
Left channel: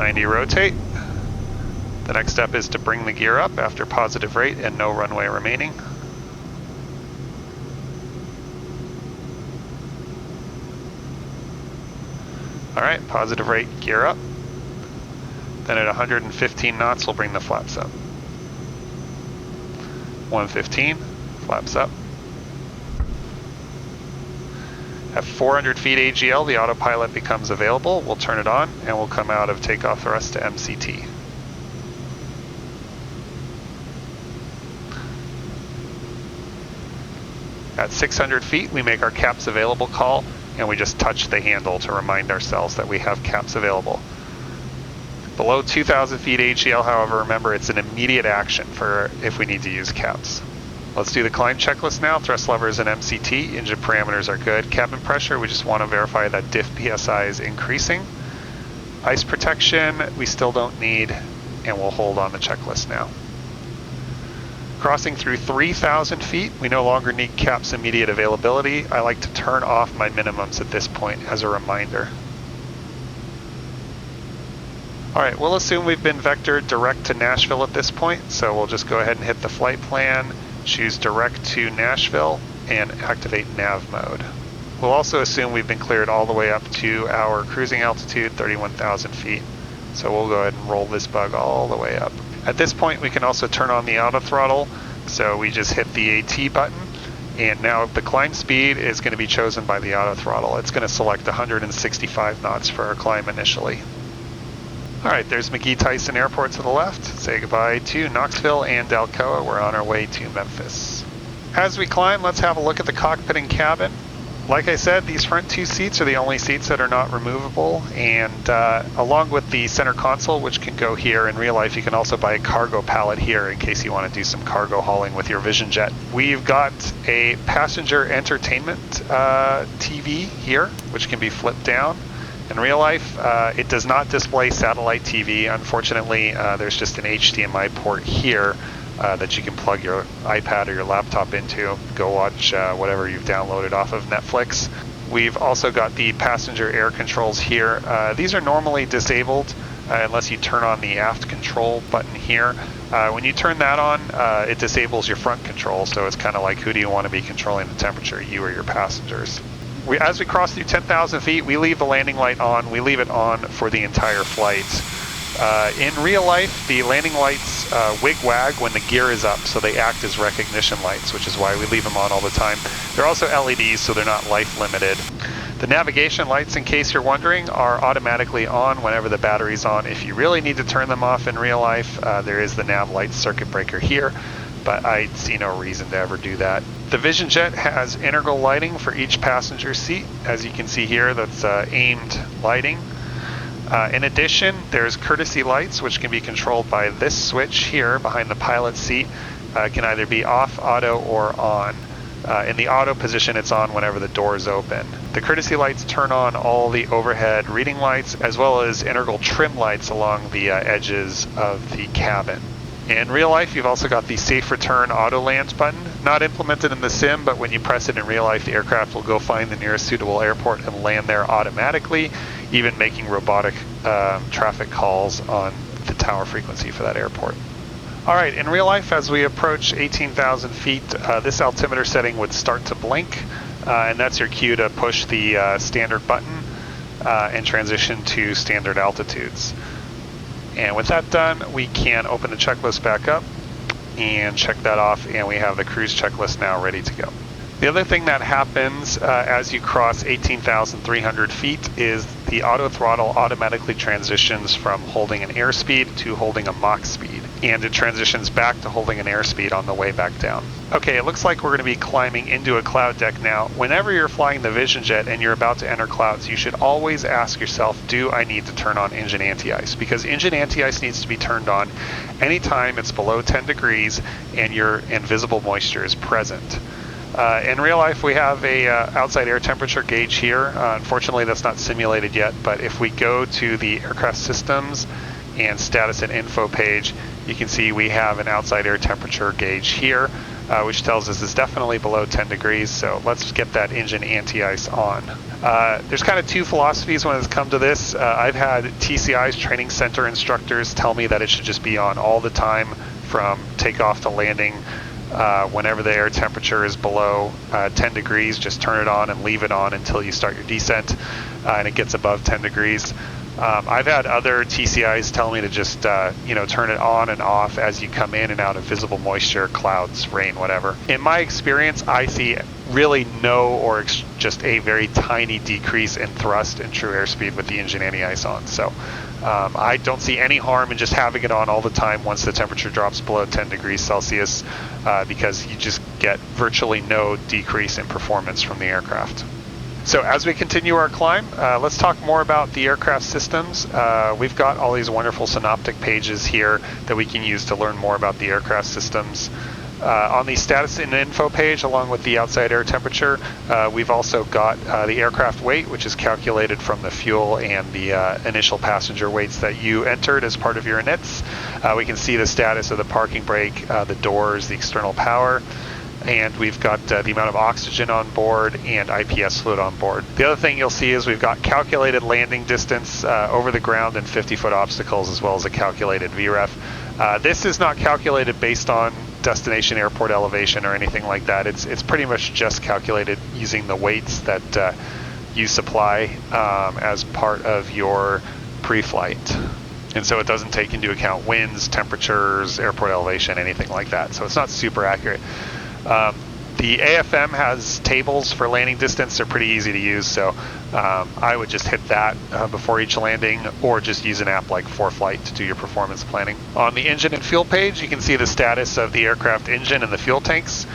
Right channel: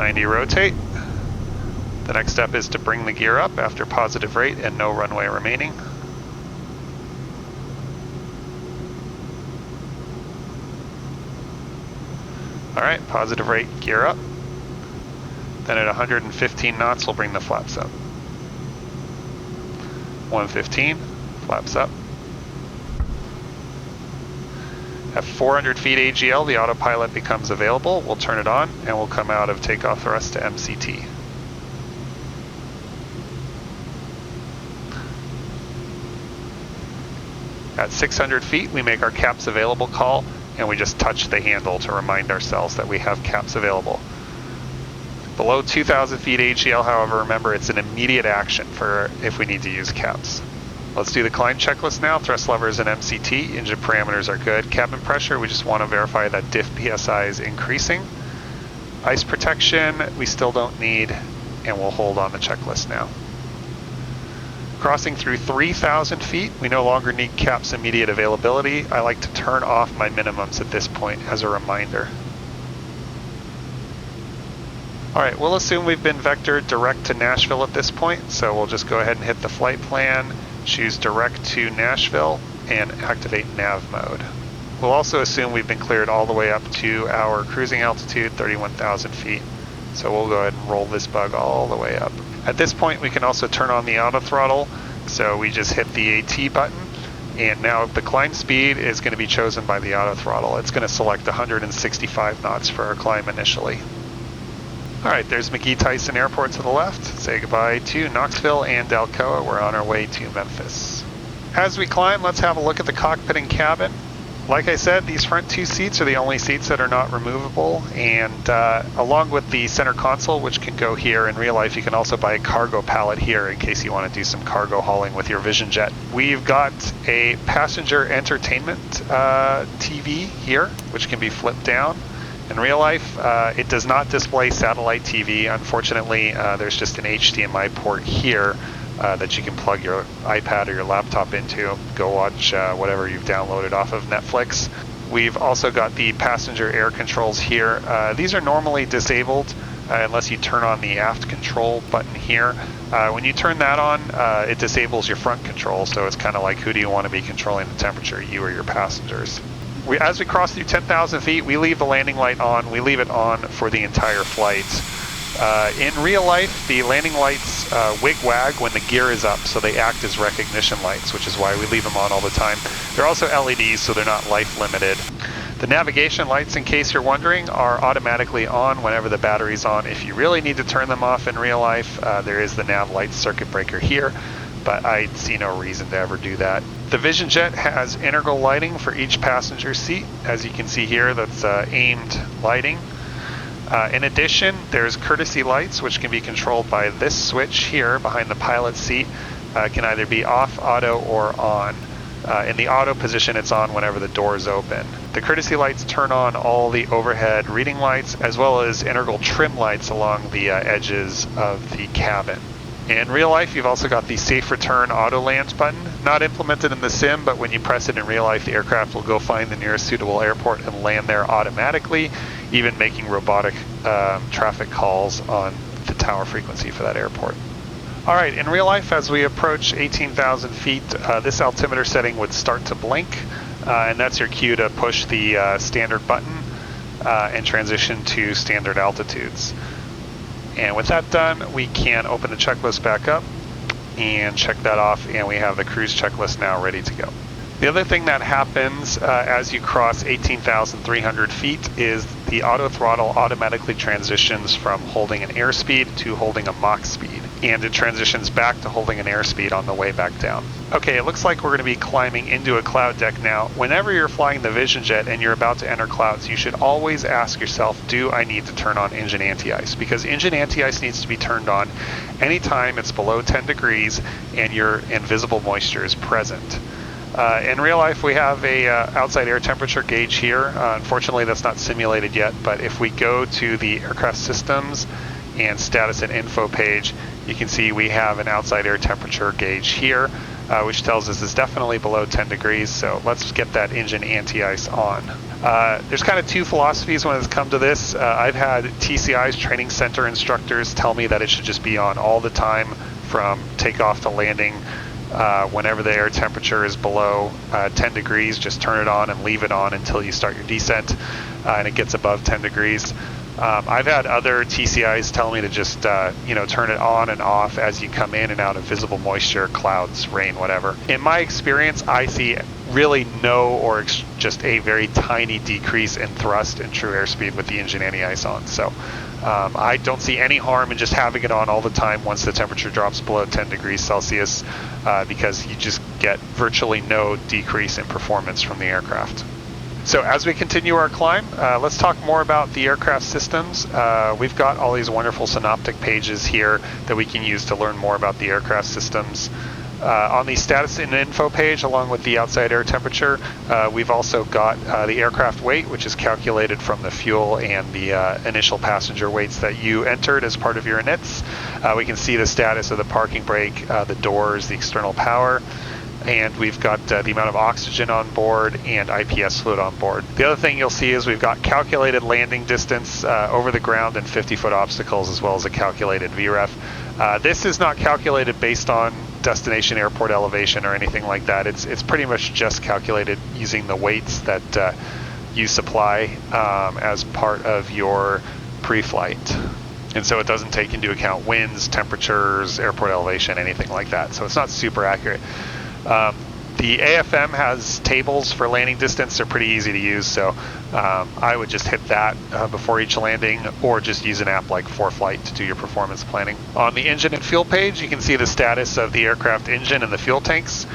90 rotate. The next step is to bring the gear up after positive rate and no runway remaining. Alright, positive rate, gear up. Then at 115 knots, we'll bring the flaps up. 115, flaps up. At 400 feet AGL, the autopilot becomes available. We'll turn it on and we'll come out of takeoff thrust to MCT. At 600 feet, we make our caps available call and we just touch the handle to remind ourselves that we have caps available. Below 2,000 feet AGL, however, remember it's an immediate action for if we need to use caps. Let's do the climb checklist now. Thrust levers and MCT, engine parameters are good. Cabin pressure, we just want to verify that diff PSI is increasing. Ice protection, we still don't need, and we'll hold on the checklist now. Crossing through 3,000 feet, we no longer need caps immediate availability. I like to turn off my minimums at this point as a reminder. Alright, we'll assume we've been vectored direct to Nashville at this point, so we'll just go ahead and hit the flight plan, choose direct to Nashville, and activate nav mode. We'll also assume we've been cleared all the way up to our cruising altitude, 31,000 feet. So we'll go ahead and roll this bug all the way up. At this point, we can also turn on the auto throttle. So we just hit the AT button, and now the climb speed is going to be chosen by the auto throttle. It's going to select 165 knots for our climb initially. All right, there's McGee-Tyson Airport to the left. Say goodbye to Knoxville and Alcoa. We're on our way to Memphis. As we climb, let's have a look at the cockpit and cabin. Like I said, these front two seats are the only seats that are not removable, and along with the center console, which can go here, in real life you can also buy a cargo pallet here in case you want to do some cargo hauling with your VisionJet. We've got a passenger entertainment TV here, which can be flipped down. In real life, it does not display satellite TV. Unfortunately, there's just an HDMI port here that you can plug your iPad or your laptop into. Go watch whatever you've downloaded off of Netflix. We've also got the passenger air controls here. These are normally disabled unless you turn on the aft control button here. When you turn that on, it disables your front control, so it's kind of like who do you want to be controlling the temperature, you or your passengers. As we cross through 10,000 feet, we leave the landing light on. We leave it on for the entire flight. In real life, the landing lights wig-wag when the gear is up, so they act as recognition lights, which is why we leave them on all the time. They're also LEDs, so they're not life-limited. The navigation lights, in case you're wondering, are automatically on whenever the battery's on. If you really need to turn them off in real life, there is the nav light circuit breaker here, but I see no reason to ever do that. The VisionJet has integral lighting for each passenger seat. As you can see here, that's aimed lighting. In addition, there's courtesy lights, which can be controlled by this switch here behind the pilot's seat. It can either be off, auto, or on. In the auto position, it's on whenever the doors open. The courtesy lights turn on all the overhead reading lights, as well as integral trim lights along the edges of the cabin. In real life, you've also got the Safe Return Auto Land button. Not implemented in the sim, but when you press it in real life, the aircraft will go find the nearest suitable airport and land there automatically, even making robotic traffic calls on the tower frequency for that airport. All right, in real life, as we approach 18,000 feet, this altimeter setting would start to blink, and that's your cue to push the standard button and transition to standard altitudes. And with that done, we can open the checklist back up and check that off, and we have the cruise checklist now ready to go. The other thing that happens as you cross 18,300 feet is the auto throttle automatically transitions from holding an airspeed to holding a Mach speed, and it transitions back to holding an airspeed on the way back down. Okay, it looks like we're going to be climbing into a cloud deck now. Whenever you're flying the VisionJet and you're about to enter clouds, you should always ask yourself, do I need to turn on engine anti-ice? Because engine anti-ice needs to be turned on anytime it's below 10 degrees and your invisible moisture is present. In real life, we have a outside air temperature gauge here. Unfortunately, that's not simulated yet, but if we go to the aircraft systems and status and info page, You can see we have an outside air temperature gauge here, which tells us it's definitely below 10 degrees, so let's get that engine anti-ice on. There's kind of two philosophies when it's come to this. I've had TCI's training center instructors tell me that it should just be on all the time from takeoff to landing. Whenever the air temperature is below 10 degrees, just turn it on and leave it on until you start your descent and it gets above 10 degrees. I've had other TCIs tell me to just turn it on and off as you come in and out of visible moisture, clouds, rain, whatever. In my experience, I see really no or just a very tiny decrease in thrust and true airspeed with the engine anti-ice on. So I don't see any harm in just having it on all the time once the temperature drops below 10 degrees Celsius because you just get virtually no decrease in performance from the aircraft. So as we continue our climb, let's talk more about the aircraft systems. We've got all these wonderful synoptic pages here that we can use to learn more about the aircraft systems. On the status and info page, along with the outside air temperature, we've also got the aircraft weight, which is calculated from the fuel and the initial passenger weights that you entered as part of your inits. We can see the status of the parking brake, the doors, the external power, and we've got the amount of oxygen on board and IPS fluid on board. The other thing you'll see is we've got calculated landing distance over the ground and 50-foot obstacles, as well as a calculated VREF. This is not calculated based on destination airport elevation or anything like that. It's pretty much just calculated using the weights that you supply as part of your pre-flight. And so it doesn't take into account winds, temperatures, airport elevation, anything like that. So it's not super accurate. The AFM has tables for landing distance. They're pretty easy to use, so I would just hit that before each landing, or just use an app like FlightFX to do your performance planning. On the engine and fuel page, you can see the status of the aircraft engine and the fuel tanks.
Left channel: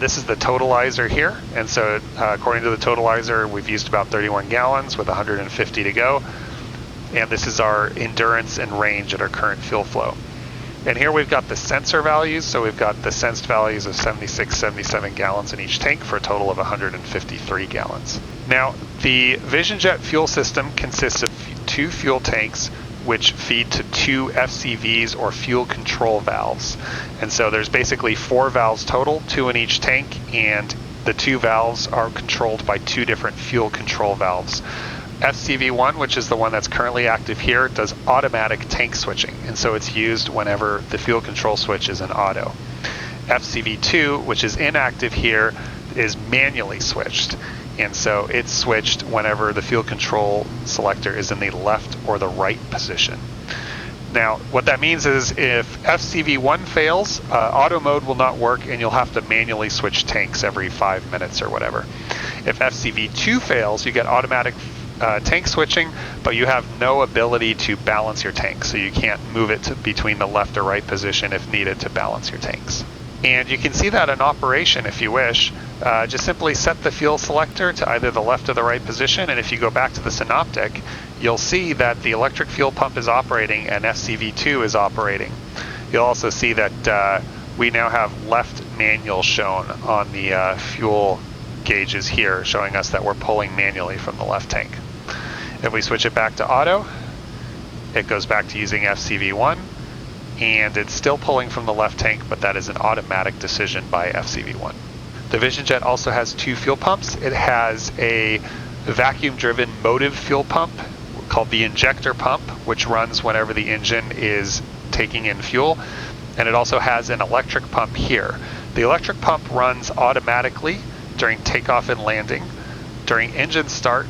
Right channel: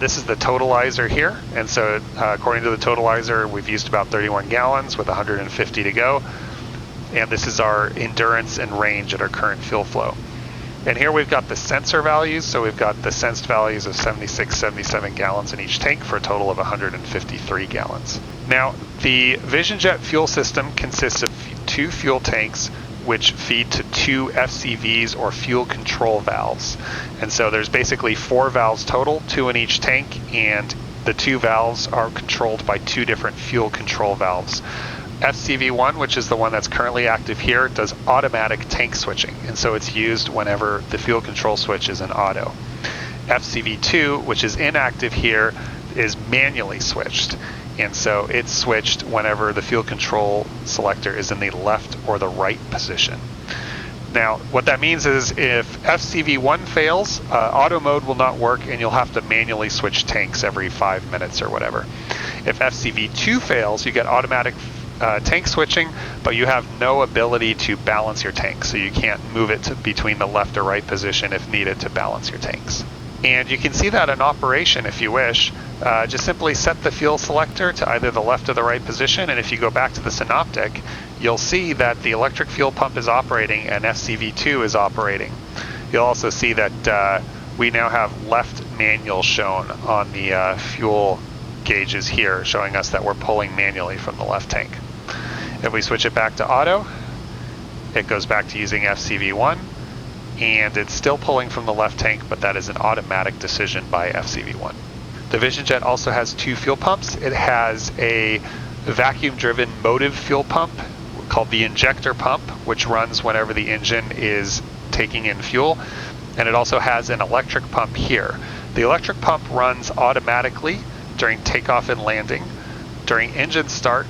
This is the totalizer here, and so according to the totalizer, we've used about 31 gallons with 150 to go, and this is our endurance and range at our current fuel flow. And here we've got the sensor values, so we've got the sensed values of 76, 77 gallons in each tank for a total of 153 gallons. Now, the VisionJet fuel system consists of two fuel tanks which feed to two FCVs or fuel control valves. And so there's basically 4 valves total, 2 in each tank, and the 2 valves are controlled by 2 different fuel control valves. FCV1, which is the one that's currently active here, does automatic tank switching, and so it's used whenever the fuel control switch is in auto. FCV2, which is inactive here, is manually switched, and so it's switched whenever the fuel control selector is in the left or the right position. Now, what that means is if FCV1 fails, auto mode will not work, and you'll have to manually switch tanks every 5 minutes or whatever. If FCV2 fails, you get automatic tank switching, but you have no ability to balance your tank, so you can't move it between the left or right position if needed to balance your tanks. And you can see that in operation if you wish. Just simply set the fuel selector to either the left or the right position, and if you go back to the synoptic, you'll see that the electric fuel pump is operating and FCV2 is operating. You'll also see that we now have left manual shown on the fuel gauges here, showing us that we're pulling manually from the left tank. If we switch it back to auto, it goes back to using FCV1, and it's still pulling from the left tank, but that is an automatic decision by FCV1. The VisionJet also has 2 fuel pumps. It has a vacuum-driven motive fuel pump called the injector pump, which runs whenever the engine is taking in fuel, and it also has an electric pump here. The electric pump runs automatically during takeoff and landing, during engine start,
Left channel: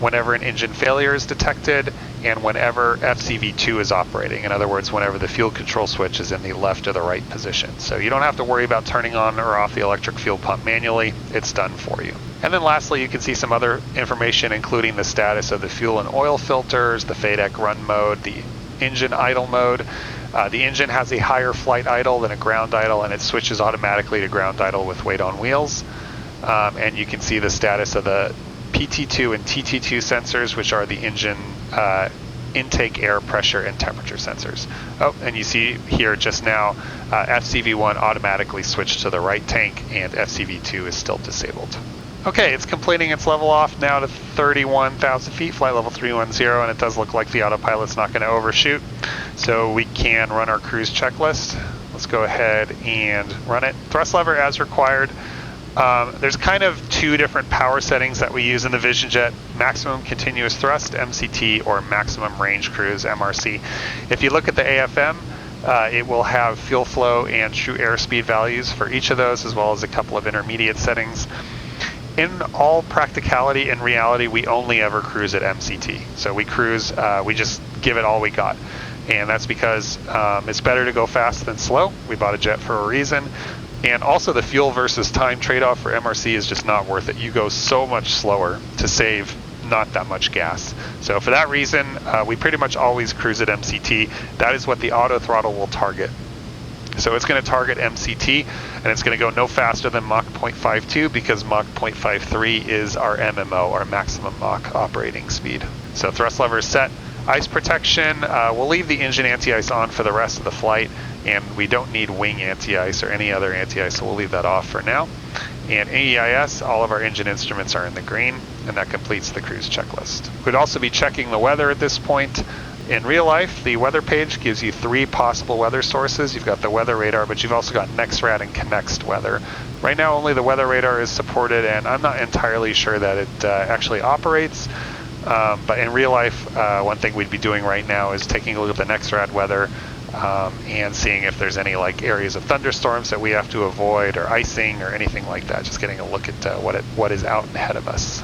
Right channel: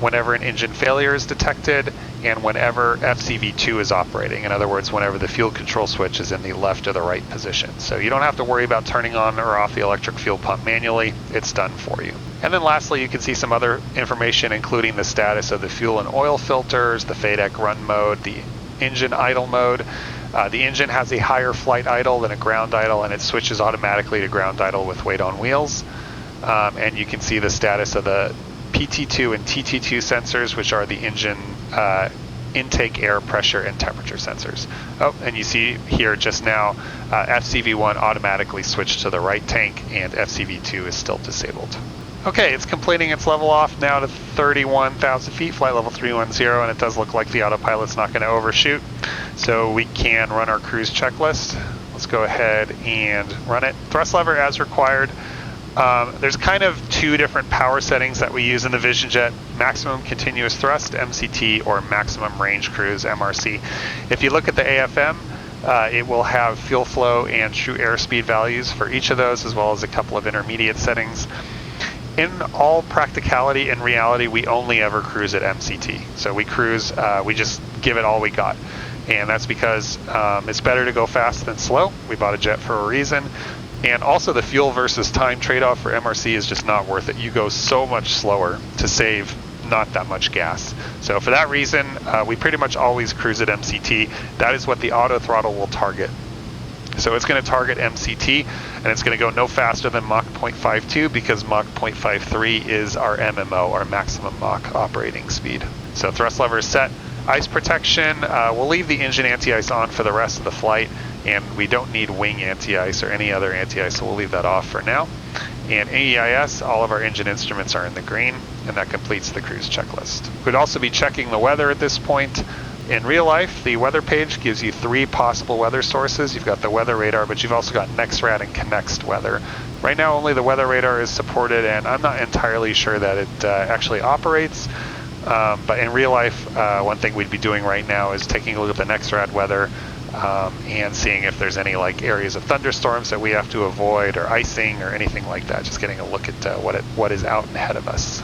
whenever an engine failure is detected, and whenever FCV2 is operating. In other words, whenever the fuel control switch is in the left or the right position. So you don't have to worry about turning on or off the electric fuel pump manually. It's done for you. And then lastly, you can see some other information, including the status of the fuel and oil filters, the FADEC run mode, the engine idle mode. The engine has a higher flight idle than a ground idle, and it switches automatically to ground idle with weight on wheels. And you can see the status of the PT2 and TT2 sensors, which are the engine intake air pressure and temperature sensors. Oh, and you see here just now, FCV1 automatically switched to the right tank, and FCV2 is still disabled. Okay, it's completing its level off now to 31,000 feet, flight level 310, and it does look like the autopilot's not going to overshoot. So we can run our cruise checklist. Let's go ahead and run it. Thrust lever as required. There's kind of two different power settings that we use in the VisionJet: maximum continuous thrust, MCT, or maximum range cruise, MRC. If you look at the AFM, it will have fuel flow and true airspeed values for each of those, as well as a couple of intermediate settings. In all practicality and reality, we only ever cruise at MCT. So we cruise, we just give it all we got. And that's because it's better to go fast than slow. We bought a jet for a reason. And also the fuel versus time trade-off for MRC is just not worth it. You go so much slower to save not that much gas. So for that reason, we pretty much always cruise at MCT. That is what the auto throttle will target. So it's going to target MCT, and it's going to go no faster than Mach 0.52 because Mach 0.53 is our MMO, our maximum Mach operating speed. So thrust lever is set. Ice protection, we'll leave the engine anti-ice on for the rest of the flight, and we don't need wing anti-ice or any other anti-ice, so we'll leave that off for now. And AEIS, all of our engine instruments are in the green, and that completes the cruise checklist. We'd also be checking the weather at this point. In real life, the weather page gives you 3 possible weather sources. You've got the weather radar, but you've also got NextRad and Connext weather. Right now, only the weather radar is supported, and I'm not entirely sure that it actually operates. But in real life, one thing we'd be doing right now is taking a look at the NextRad weather and seeing if there's any like areas of thunderstorms that we have to avoid, or icing, or anything like that. Just getting a look at what is out ahead of us.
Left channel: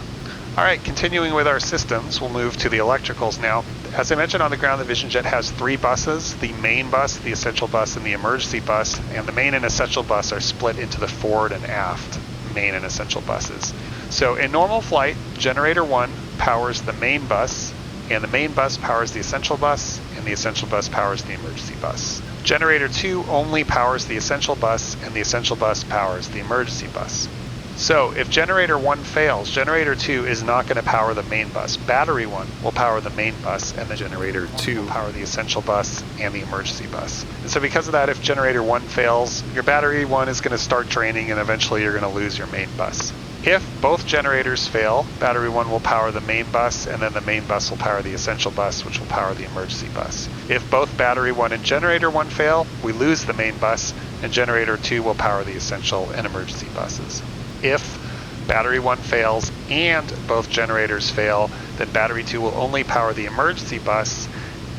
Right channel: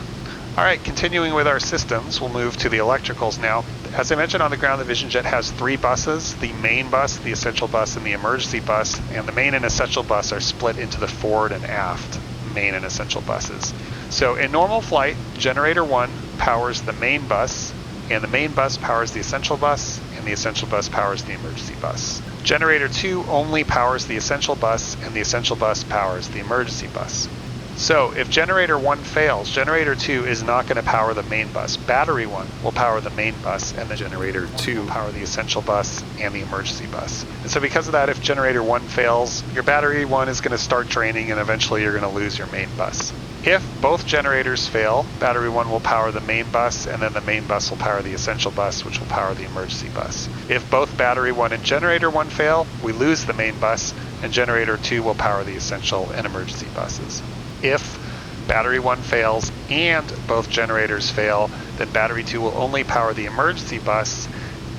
All right, continuing with our systems, we'll move to the electricals now. As I mentioned, on the ground, the VisionJet has 3 buses: the main bus, the essential bus, and the emergency bus. And the main and essential bus are split into the forward and aft main and essential buses. So in normal flight, generator 1 powers the main bus, and the main bus powers the essential bus, and the essential bus powers the emergency bus. Generator 2 only powers the essential bus, and the essential bus powers the emergency bus. So if generator 1 fails, generator 2 is not going to power the main bus. Battery 1 will power the main bus, and the generator 2 will power the essential bus and the emergency bus. And so because of that, if generator 1 fails, your battery 1 is going to start draining, and eventually you're going to lose your main bus. If both generators fail, battery 1 will power the main bus, and then the main bus will power the essential bus, which will power the emergency bus. If both battery 1 and generator 1 fail, we lose the main bus, and generator 2 will power the essential and emergency buses. If battery 1 fails and both generators fail, then battery 2 will only power the emergency bus,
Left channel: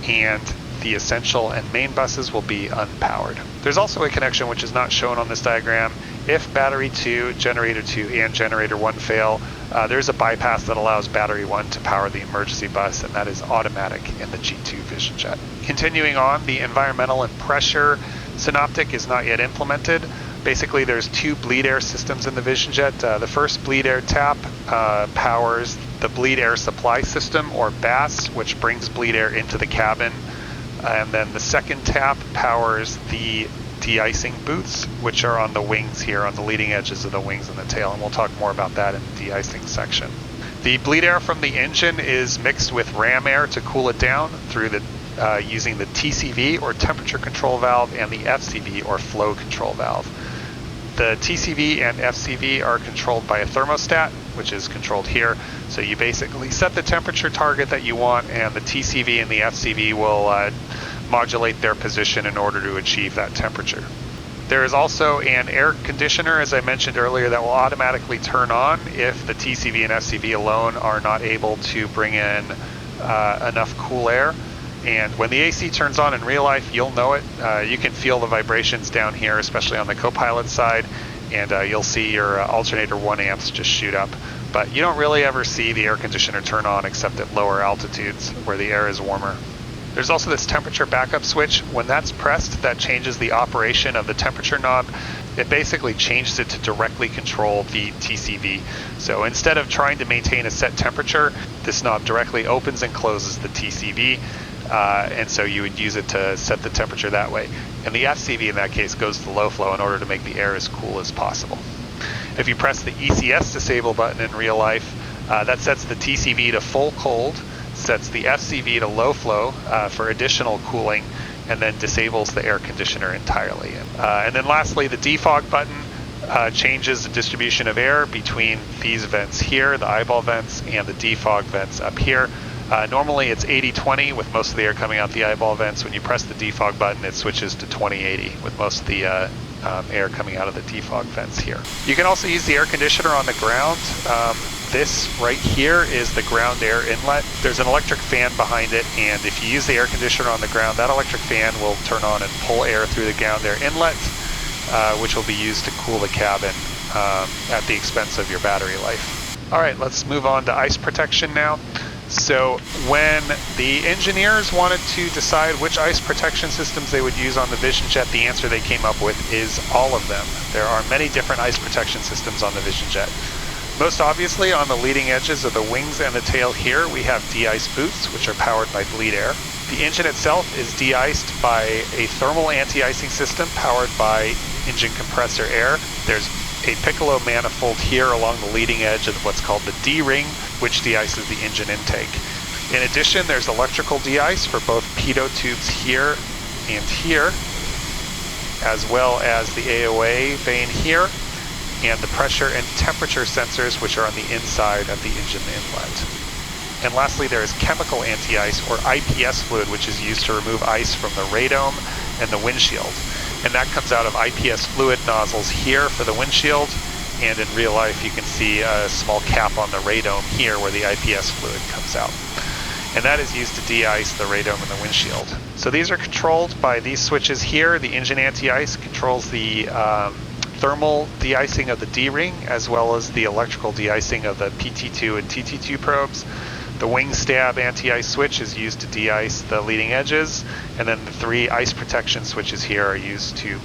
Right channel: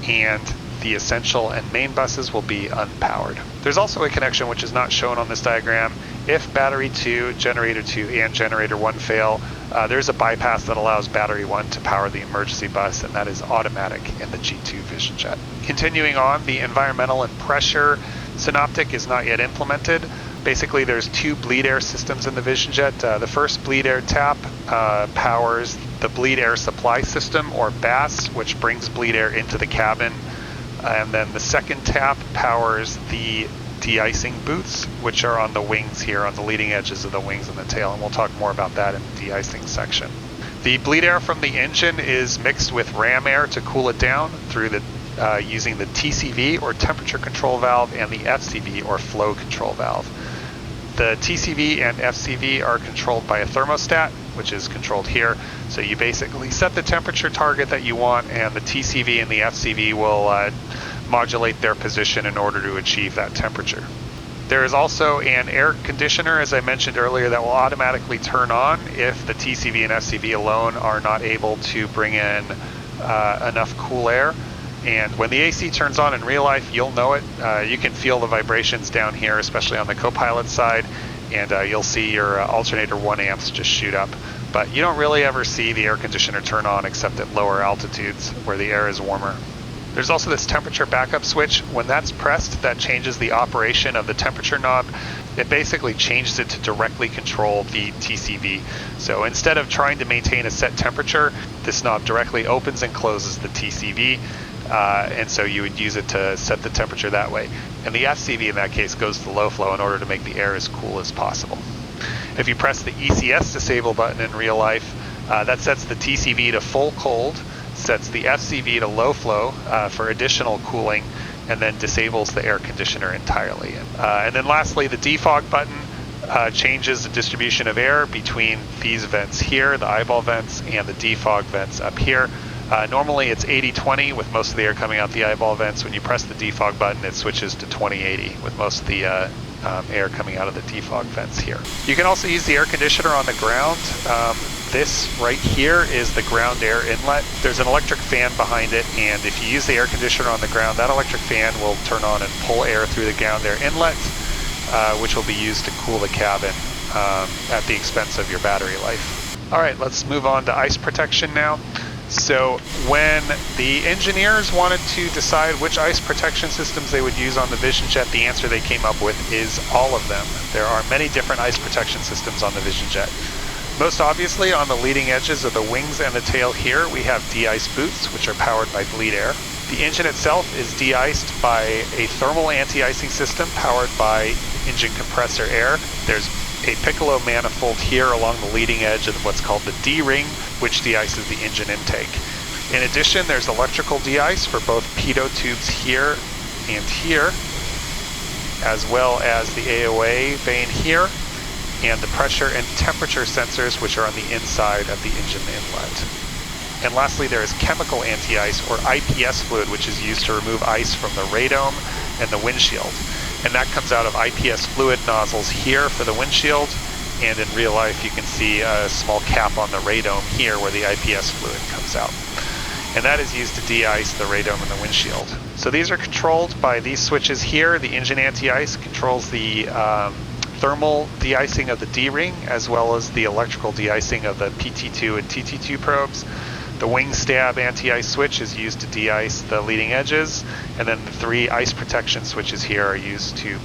and the essential and main buses will be unpowered. There's also a connection which is not shown on this diagram. If battery 2, generator 2, and generator 1 fail, there's a bypass that allows battery 1 to power the emergency bus, and that is automatic in the G2 VisionJet. Continuing on, the environmental and pressure synoptic is not yet implemented. Basically, there's 2 bleed air systems in the VisionJet. The first bleed air tap powers the bleed air supply system, or BAS, which brings bleed air into the cabin. And then the second tap powers the de-icing boots, which are on the wings here, on the leading edges of the wings and the tail, and we'll talk more about that in the de-icing section. The bleed air from the engine is mixed with ram air to cool it down through the using the TCV, or temperature control valve, and the FCV, or flow control valve. The TCV and FCV are controlled by a thermostat, which is controlled here. So you basically set the temperature target that you want, and the TCV and the FCV will modulate their position in order to achieve that temperature. There is also an air conditioner, as I mentioned earlier, that will automatically turn on if the TCV and FCV alone are not able to bring in enough cool air. And when the AC turns on in real life, you'll know it. You can feel the vibrations down here, especially on the co-pilot side, and you'll see your alternator 1 amps just shoot up. But you don't really ever see the air conditioner turn on except at lower altitudes where the air is warmer. There's also this temperature backup switch. When that's pressed, that changes the operation of the temperature knob. It basically changes it to directly control the TCV. So instead of trying to maintain a set temperature, this knob directly opens and closes the TCV. And so you would use it to set the temperature that way. And the FCV in that case goes to low flow in order to make the air as cool as possible. If you press the ECS disable button in real life, that sets the TCV to full cold, sets the FCV to low flow for additional cooling, and then disables the air conditioner entirely. And then lastly, the defog button changes the distribution of air between these vents here, the eyeball vents, and the defog vents up here. Normally it's 80-20 with most of the air coming out the eyeball vents. When you press the defog button, it switches to 20-80 with most of the air coming out of the defog vents here. You can also use the air conditioner on the ground. This right here is the ground air inlet. There's an electric fan behind it, and if you use the air conditioner on the ground, that electric fan will turn on and pull air through the ground air inlet, which will be used to cool the cabin at the expense of your battery life. All right, let's move on to ice protection now. So when the engineers wanted to decide which ice protection systems they would use on the VisionJet, the answer they came up with is all of them. There are many different ice protection systems on the VisionJet. Most obviously, on the leading edges of the wings and the tail here, we have de-ice boots, which are powered by bleed air. The engine itself is de-iced by a thermal anti-icing system powered by engine compressor air. There's a piccolo manifold here along the leading edge of what's called the D-ring, which de-ices the engine intake. In addition, there's electrical de-ice for both pitot tubes here and here, as well as the AOA vane here, and the pressure and temperature sensors, which are on the inside of the engine inlet. And lastly, there is chemical anti-ice, or IPS fluid, which is used to remove ice from the radome and the windshield. And that comes out of IPS fluid nozzles here for the windshield, and in real life you can see a small cap on the radome here where the IPS fluid comes out. And that is used to de-ice the radome and the windshield. So these are controlled by these switches here. The engine anti-ice controls the thermal de-icing of the D-ring, as well as the electrical de-icing of the PT2 and TT2 probes. The wing stab anti-ice switch is used to de-ice the leading edges, and then the 3 ice protection switches here are used to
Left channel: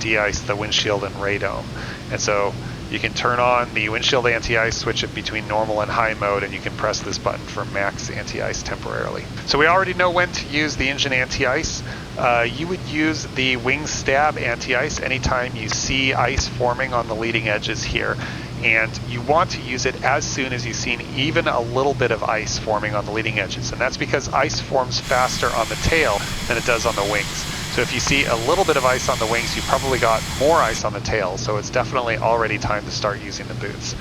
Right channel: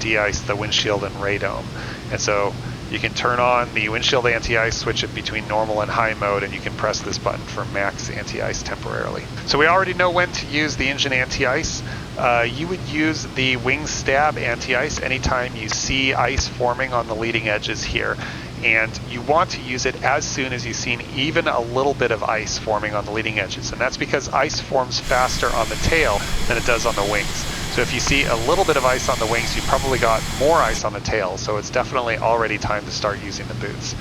de-ice the windshield and radome. And so you can turn on the windshield anti-ice, switch it between normal and high mode, and you can press this button for max anti-ice temporarily. So we already know when to use the engine anti-ice. You would use the wing stab anti-ice anytime you see ice forming on the leading edges here. And you want to use it as soon as you've seen even a little bit of ice forming on the leading edges. And that's because ice forms faster on the tail than it does on the wings. So if you see a little bit of ice on the wings, you've probably got more ice on the tail. So it's definitely already time to start using the boots.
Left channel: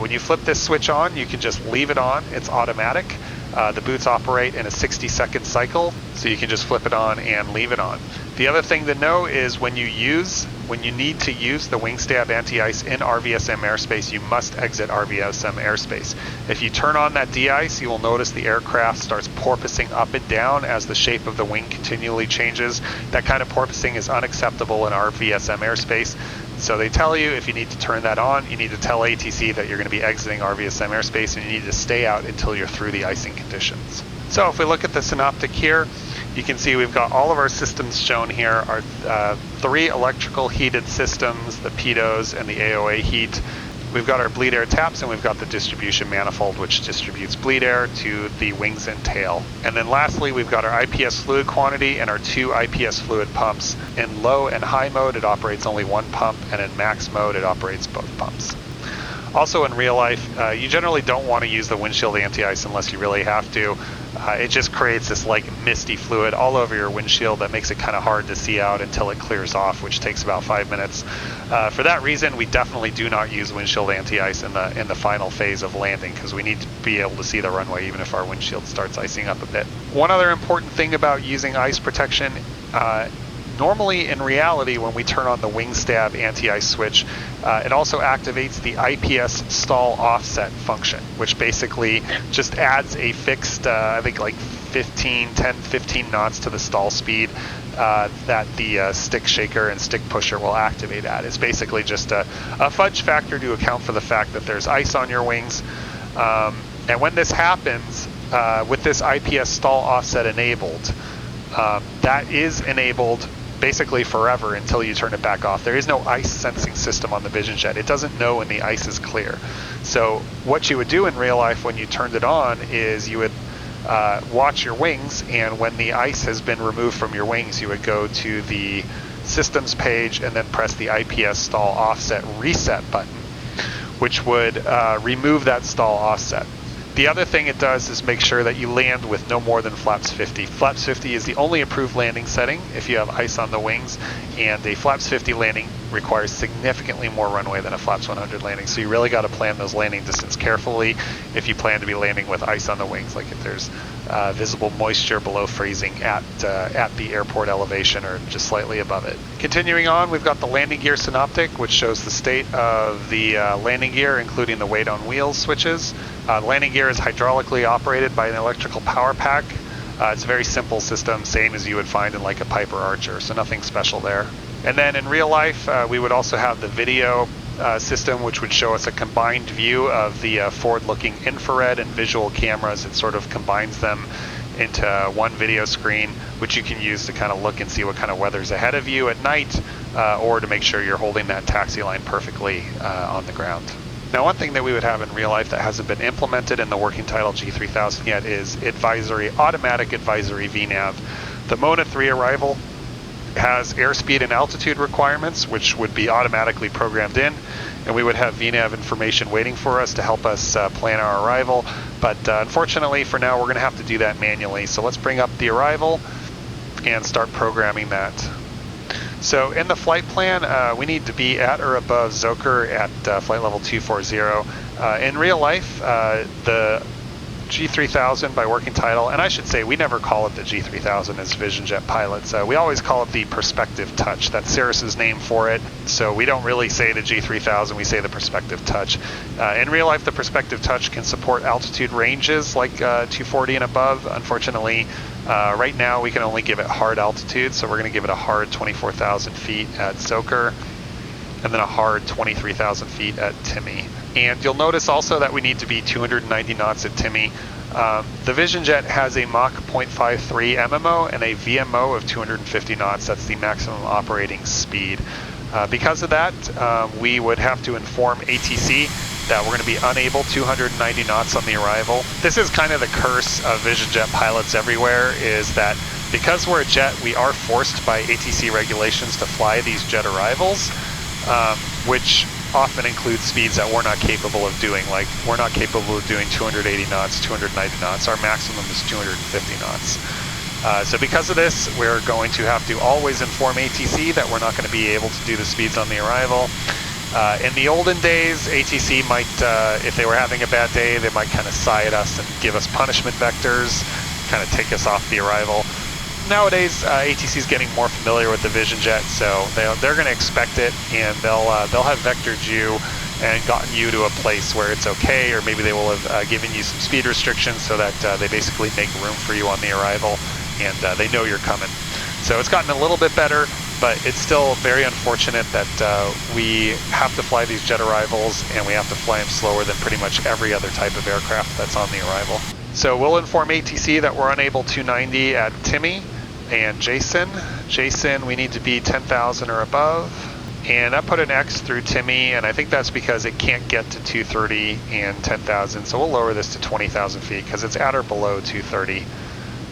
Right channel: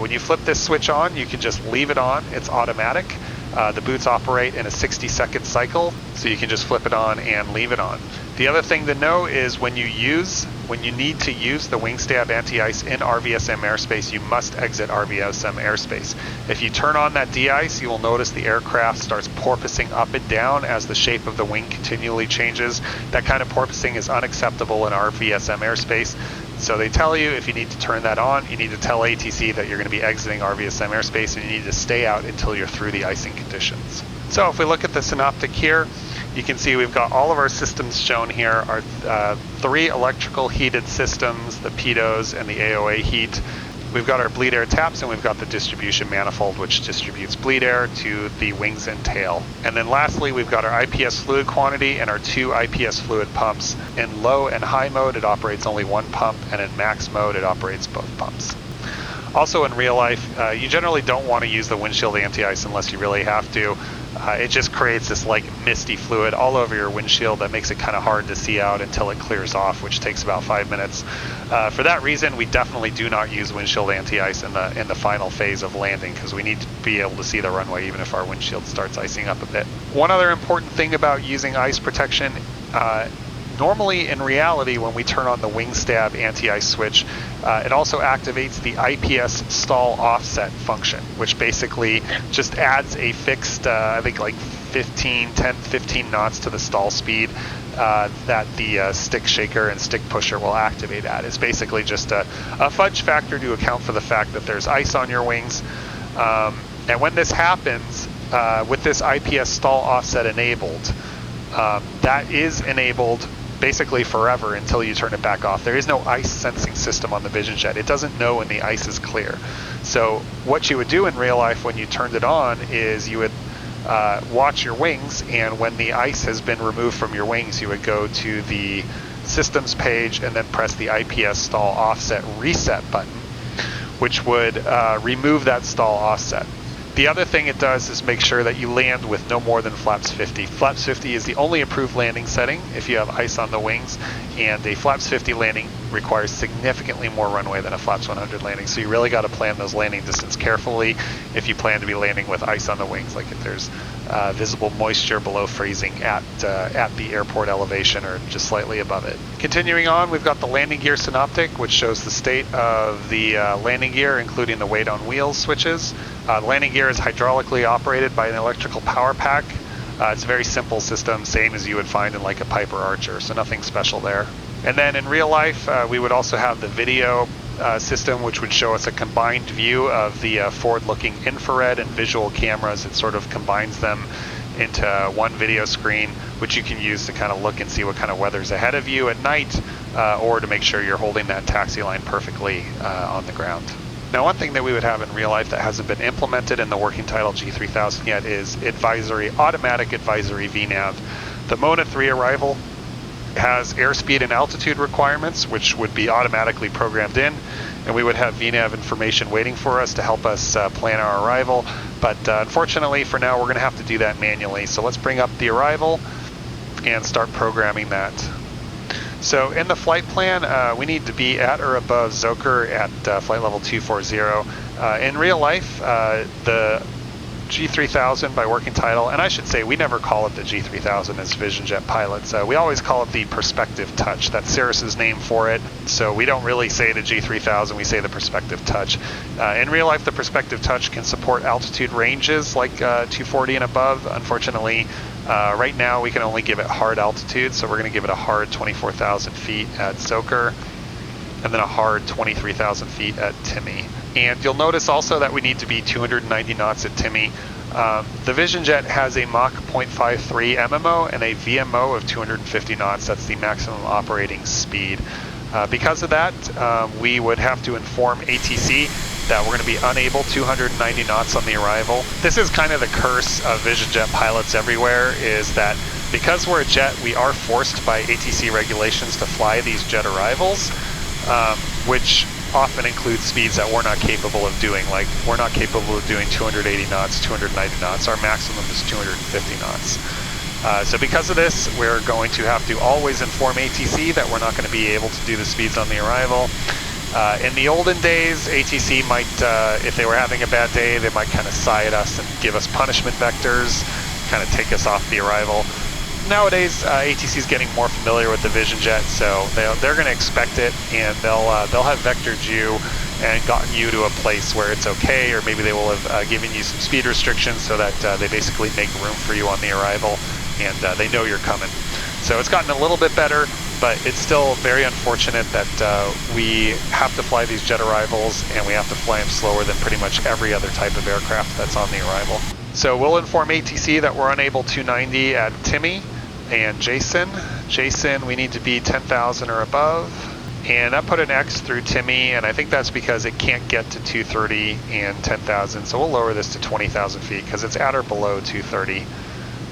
When you flip this switch on, you can just leave it on. It's automatic. The boots operate in a 60-second cycle, so you can just flip it on and leave it on. The other thing to know is when you need to use the wing stab anti-ice in RVSM airspace, you must exit RVSM airspace. If you turn on that de-ice, you will notice the aircraft starts porpoising up and down as the shape of the wing continually changes. That kind of porpoising is unacceptable in RVSM airspace. So they tell you if you need to turn that on, you need to tell ATC that you're going to be exiting RVSM airspace and you need to stay out until you're through the icing conditions. So if we look at the synoptic here, you can see we've got all of our systems shown here. Our 3 electrical heated systems, the pitos and the AOA heat. We've got our bleed air taps, and we've got the distribution manifold, which distributes bleed air to the wings and tail. And then lastly, we've got our IPS fluid quantity and our 2 IPS fluid pumps. In low and high mode, it operates only 1 pump, and in max mode, it operates both pumps. Also in real life, you generally don't want to use the windshield anti-ice unless you really have to. It just creates this like misty fluid all over your windshield that makes it kind of hard to see out until it clears off, which takes about 5 minutes. For that reason, we definitely do not use windshield anti-ice in the final phase of landing, because we need to be able to see the runway even if our windshield starts icing up a bit. One other important thing about using ice protection, normally in reality when we turn on the wing stab anti-ice switch, it also activates the IPS stall offset function, which basically just adds a fixed, I think like 10-15 knots to the stall speed that the stick shaker and stick pusher will activate at. It's basically just a fudge factor to account for the fact that there's ice on your wings. And when this happens, with this IPS stall offset enabled, that is enabled basically forever until you turn it back off. There is no ice sensing system on the VisionJet. It doesn't know when the ice is clear. So what you would do in real life when you turned it on is you would watch your wings, and when the ice has been removed from your wings, you would go to the systems page and then press the IPS stall offset reset button, which would remove that stall offset. The other thing it does is make sure that you land with no more than flaps 50. Flaps 50 is the only approved landing setting if you have ice on the wings, and a flaps 50 landing requires significantly more runway than a Flaps 100 landing. So you really got to plan those landing distance carefully if you plan to be landing with ice on the wings, like if there's visible moisture below freezing at the airport elevation or just slightly above it. Continuing on, we've got the landing gear synoptic, which shows the state of the landing gear, including the weight on wheels switches. The landing gear is hydraulically operated by an electrical power pack. It's a very simple system, same as you would find in like a Piper Archer, so nothing special there. And then in real life, we would also have the video system, which would show us a combined view of the forward-looking infrared and visual cameras. It sort of combines them into one video screen, which you can use to kind of look and see what kind of weather's ahead of you at night, or to make sure you're holding that taxi line perfectly on the ground. Now, one thing that we would have in real life that hasn't been implemented in the working title G3000 yet is automatic advisory VNAV. The Mona 3 arrival has airspeed and altitude requirements, which would be automatically programmed in, and we would have VNAV information waiting for us to help us plan our arrival. But unfortunately, for now, we're going to have to do that manually. So let's bring up the arrival and start programming that. So in the flight plan, we need to be at or above Zoker at flight level 240. In real life, the G3000 by working title, and I should say we never call it the G3000 as VisionJet pilots. We always call it the Perspective Touch. That's Cirrus's name for it. So we don't really say the G3000, we say the Perspective Touch. In real life, the Perspective Touch can support altitude ranges like 240 and above. Unfortunately, right now we can only give it hard altitude, so we're going to give it a hard 24,000 feet at Zoker, and then a hard 23,000 feet at Timmy. And you'll notice also that we need to be 290 knots at Timmy. The VisionJet has a Mach 0.53 MMO and a VMO of 250 knots. That's the maximum operating speed. Because of that, we would have to inform ATC that we're going to be unable 290 knots on the arrival. This is kind of the curse of VisionJet pilots everywhere, is that because we're a jet, we are forced by ATC regulations to fly these jet arrivals, which often includes speeds that we're not capable of doing. Like, we're not capable of doing 280 knots, 290 knots. Our maximum is 250 knots. So because of this, we're going to have to always inform ATC that we're not going to be able to do the speeds on the arrival. In the olden days, ATC might, if they were having a bad day, they might kind of sigh at us and give us punishment vectors, kind of take us off the arrival. Nowadays, ATC is getting more familiar with the VisionJet, so they're going to expect it, and they'll have vectored you and gotten you to a place where it's okay, or maybe they will have given you some speed restrictions so that they basically make room for you on the arrival, and they know you're coming. So it's gotten a little bit better, but it's still very unfortunate that we have to fly these jet arrivals, and we have to fly them slower than pretty much every other type of aircraft that's on the arrival. So we'll inform ATC that we're unable 290 at Timmy and Jason. Jason, we need to be 10,000 or above. And I put an X through Timmy, and I think that's because it can't get to 230 and 10,000. So we'll lower this to 20,000 feet because it's at or below 230.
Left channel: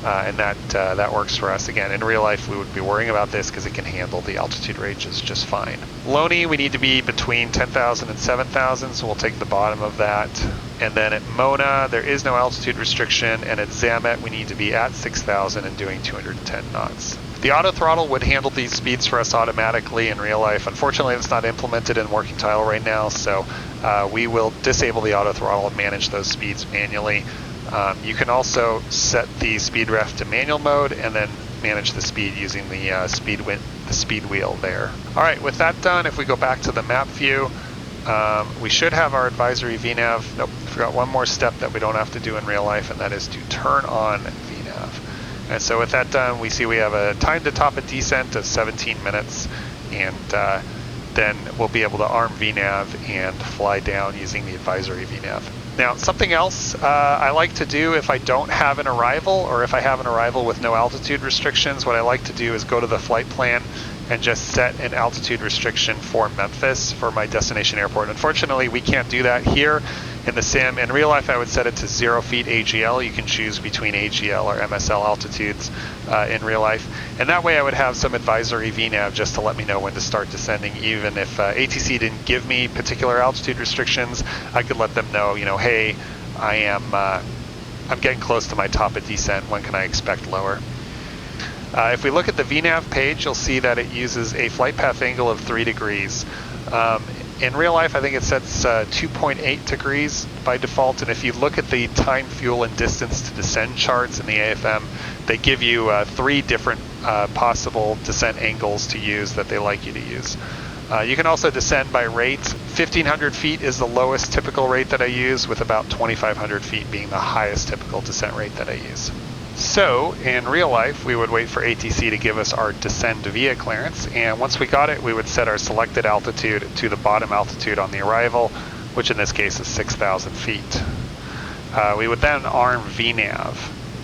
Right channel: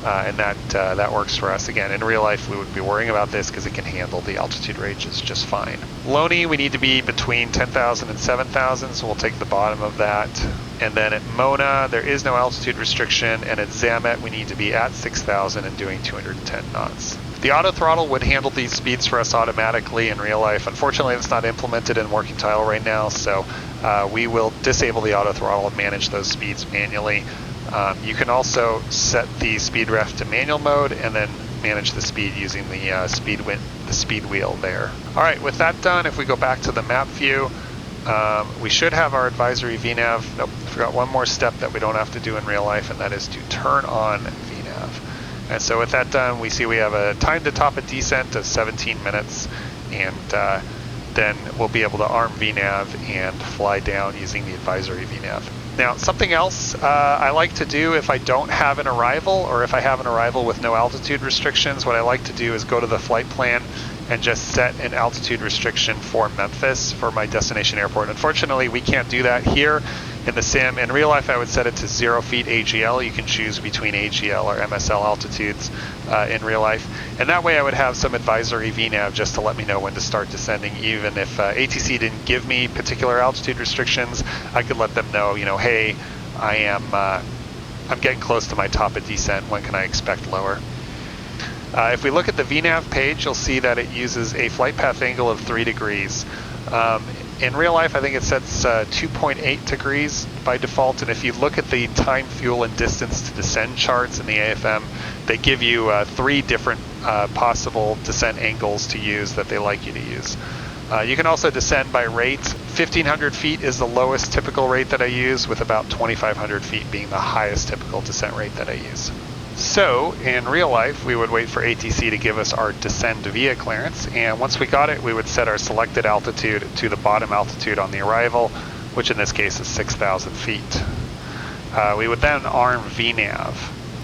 And that works for us. Again, in real life, we would be worrying about this because it can handle the altitude ranges just fine. Loney, we need to be between 10,000 and 7,000, so we'll take the bottom of that. And then at Mona, there is no altitude restriction, and at Zamet, we need to be at 6,000 and doing 210 knots. The auto throttle would handle these speeds for us automatically in real life. Unfortunately, it's not implemented in working title right now, so we will disable the auto throttle and manage those speeds manually. You can also set the speed ref to manual mode and then manage the speed using the speed wheel there. All right, with that done, if we go back to the map view, we should have our advisory VNAV. Nope, forgot one more step that we don't have to do in real life, and that is to turn on VNAV. And so with that done, we see we have a time to top a descent of 17 minutes, and then we'll be able to arm VNAV and fly down using the advisory VNAV. Now, something else I like to do if I don't have an arrival, or if I have an arrival with no altitude restrictions, what I like to do is go to the flight plan and just set an altitude restriction for Memphis for my destination airport. Unfortunately, we can't do that here in the sim. In real life, I would set it to 0 feet AGL. You can choose between AGL or MSL altitudes in real life. And that way I would have some advisory VNAV just to let me know when to start descending. Even if ATC didn't give me particular altitude restrictions, I could let them know, hey, I'm getting close to my top of descent. When can I expect lower? If we look at the VNAV page, you'll see that it uses a flight path angle of 3 degrees. In real life, I think it sets 2.8 degrees by default, and if you look at the time, fuel, and distance to descend charts in the AFM, they give you 3 different possible descent angles to use that they like you to use. You can also descend by rate. 1,500 feet is the lowest typical rate that I use, with about 2,500 feet being the highest typical descent rate that I use. So, in real life, we would wait for ATC to give us our descend via clearance, and once we got it, we would set our selected altitude to the bottom altitude on the arrival, which in this case is 6,000 feet. We would then arm VNAV.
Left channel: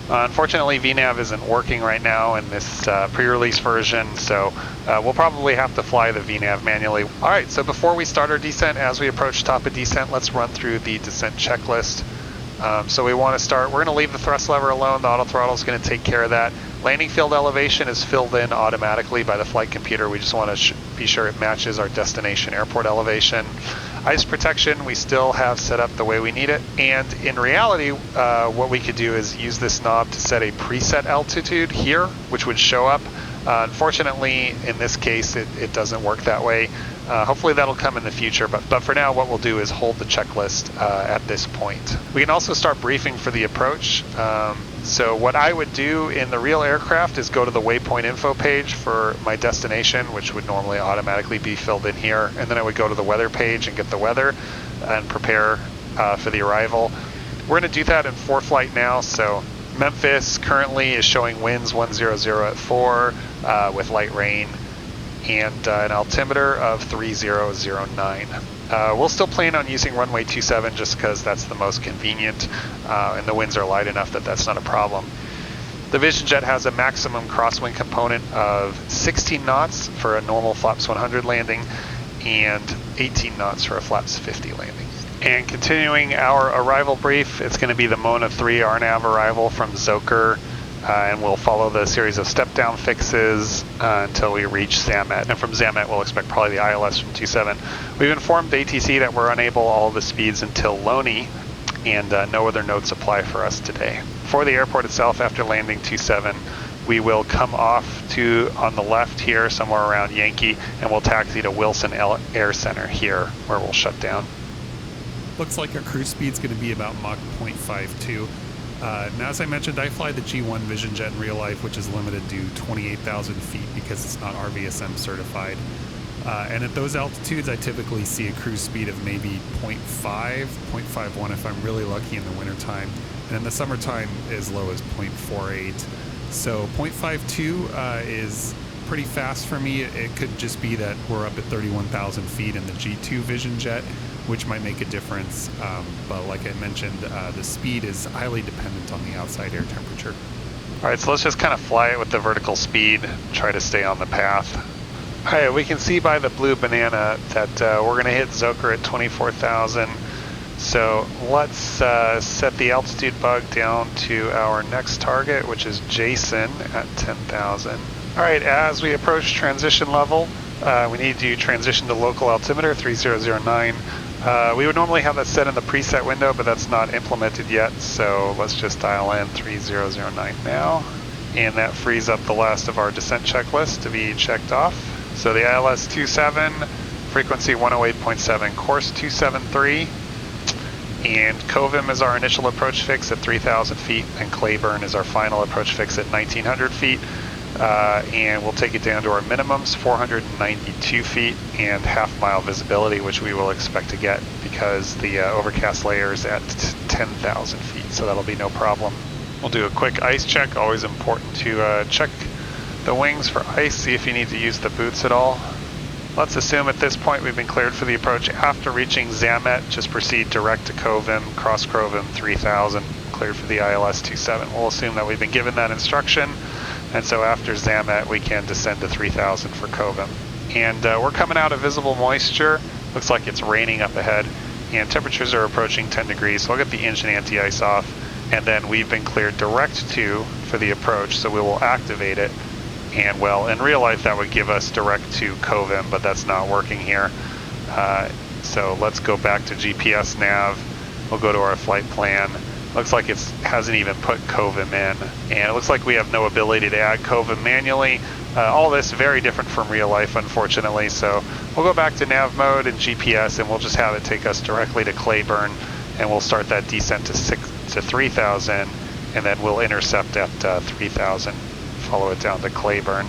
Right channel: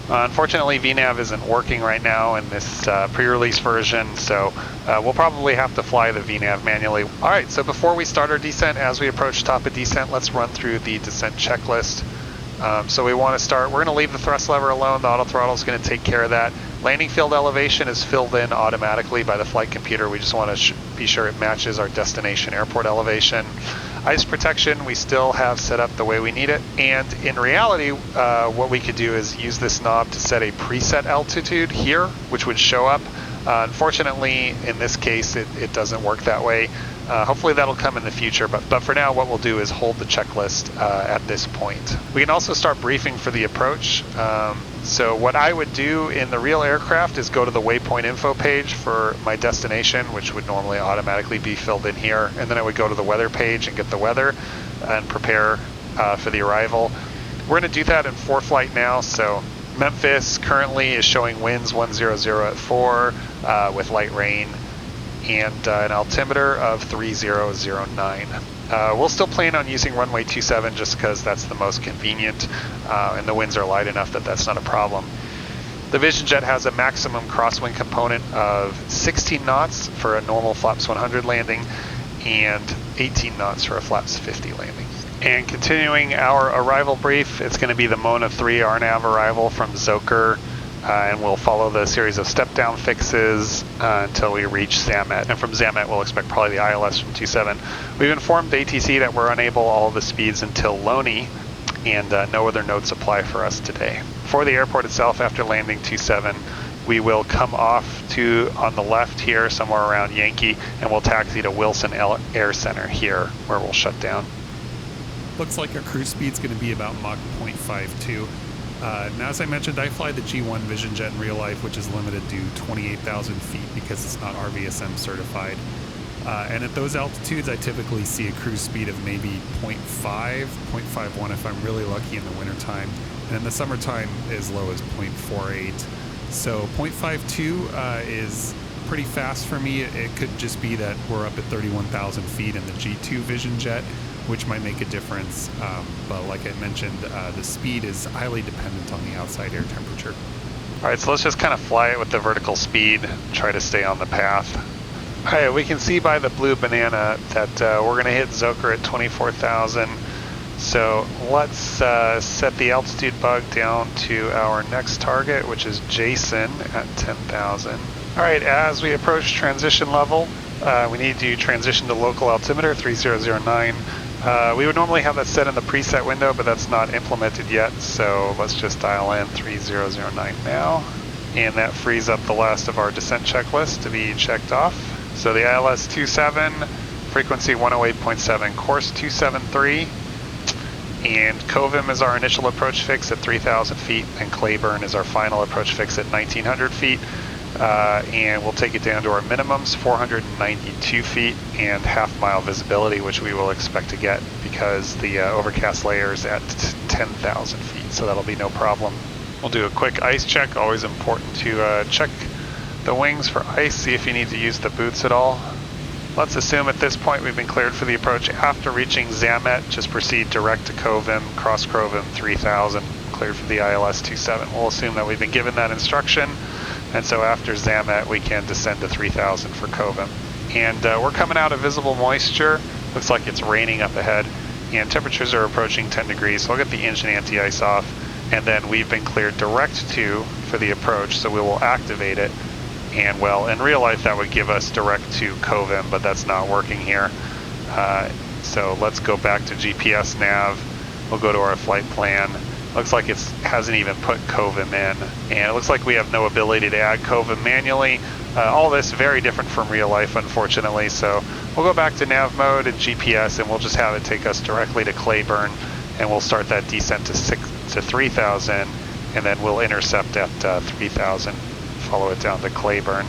Unfortunately, VNAV isn't working right now in this pre-release version, so we'll probably have to fly the VNAV manually. All right, so before we start our descent, as we approach top of descent, let's run through the descent checklist. So we want to start, we're going to leave the thrust lever alone, the auto throttle is going to take care of that. Landing field elevation is filled in automatically by the flight computer. We just want to be sure it matches our destination airport elevation. Ice protection, we still have set up the way we need it. And in reality, what we could do is use this knob to set a preset altitude here, which would show up. Unfortunately, in this case, it doesn't work that way. Hopefully that'll come in the future, but for now what we'll do is hold the checklist at this point. We can also start briefing for the approach. So what I would do in the real aircraft is go to the waypoint info page for my destination, which would normally automatically be filled in here, and then I would go to the weather page and get the weather and prepare for the arrival. We're going to do that in FlightFX now, so Memphis currently is showing winds 100 at 4 with light rain, and an altimeter of 3009. We'll still plan on using runway 27 just because that's the most convenient, and the winds are light enough that that's not a problem. The VisionJet has a maximum crosswind component of 16 knots for a normal flaps 100 landing and 18 knots for a flaps 50 landing. And continuing our arrival brief, it's going to be the Mona 3 RNAV arrival from Zoker. And we'll follow the series of step-down fixes until we reach Zamet. And from Zamet, we'll expect probably the ILS from 27. We've informed ATC that we're unable all the speeds until Loney, and no other notes apply for us today. For the airport itself, after landing 27, we will come off on the left here, somewhere around Yankee, and we'll taxi to Wilson Air Center here, where we'll shut down. Looks like our cruise speed's going to be about Mach 0.52. Now, as I mentioned, I fly the G1 VisionJet in real life, which is limited to 28,000 feet because it's not RVSM certified. And at those altitudes, I typically see a cruise speed of maybe 0.5, 0.51 if I'm really lucky in the wintertime. And in the summertime, as low as 0.48. So 0.52 is pretty fast for me. It could just be that we're up at 31,000 feet in the G2 VisionJet, which might make a difference, but like I mentioned, the speed is highly dependent on the outside air temperature. All right, so let's just kind of fly it with the vertical speed, try to stay on the path. All right, we can see by the blue banana that we're going to hit Zoker at 24,000. So let's set the altitude bug down to our next target, which is Jason at 10,000. All right, as we approach transition level, we need to transition to local altimeter 3009. We would normally have that set in the preset window, but that's not implemented yet, so let's just dial in 3009 now. And that frees up the last of our descent checklist to be checked off. So the ILS 27, frequency 108.7, course 273, and KMEM is our initial approach fix at 3,000 feet, and Claiborne is our final approach fix at 1,900 feet. And we'll take it down to our minimums, 492 feet and half-mile visibility, which we will expect to get because the overcast layer is at 10,000 feet, so that'll be no problem. We'll do a quick ice check. Always important to check the wings for ice, see if you need to use the boots at all. Let's assume at this point we've been cleared for the approach. After reaching Zamet, just proceed direct to KMEM, cross KMEM 3000, cleared for the ILS 27. We'll assume that we've been given that instruction. And so after Zamet, we can descend to 3000 for KMEM. And we're coming out of visible moisture. Looks like it's raining up ahead. And temperatures are approaching 10 degrees. So I'll get the engine anti-ice off. And then we've been cleared direct to for the approach. So we will activate it. And well, in real life, that would give us direct to KMEM, but that's not working here. So let's go back to GPS nav. We'll go to our flight plan. Looks like it hasn't even put KMEM in, and it looks like we have no ability to add KMEM manually. All this very different from real life, unfortunately, so we'll go back to nav mode and GPS, and we'll just have it take us directly to Claiborne, and we'll start that descent to 3,000, and then we'll intercept at 3,000, follow it down to Claiborne.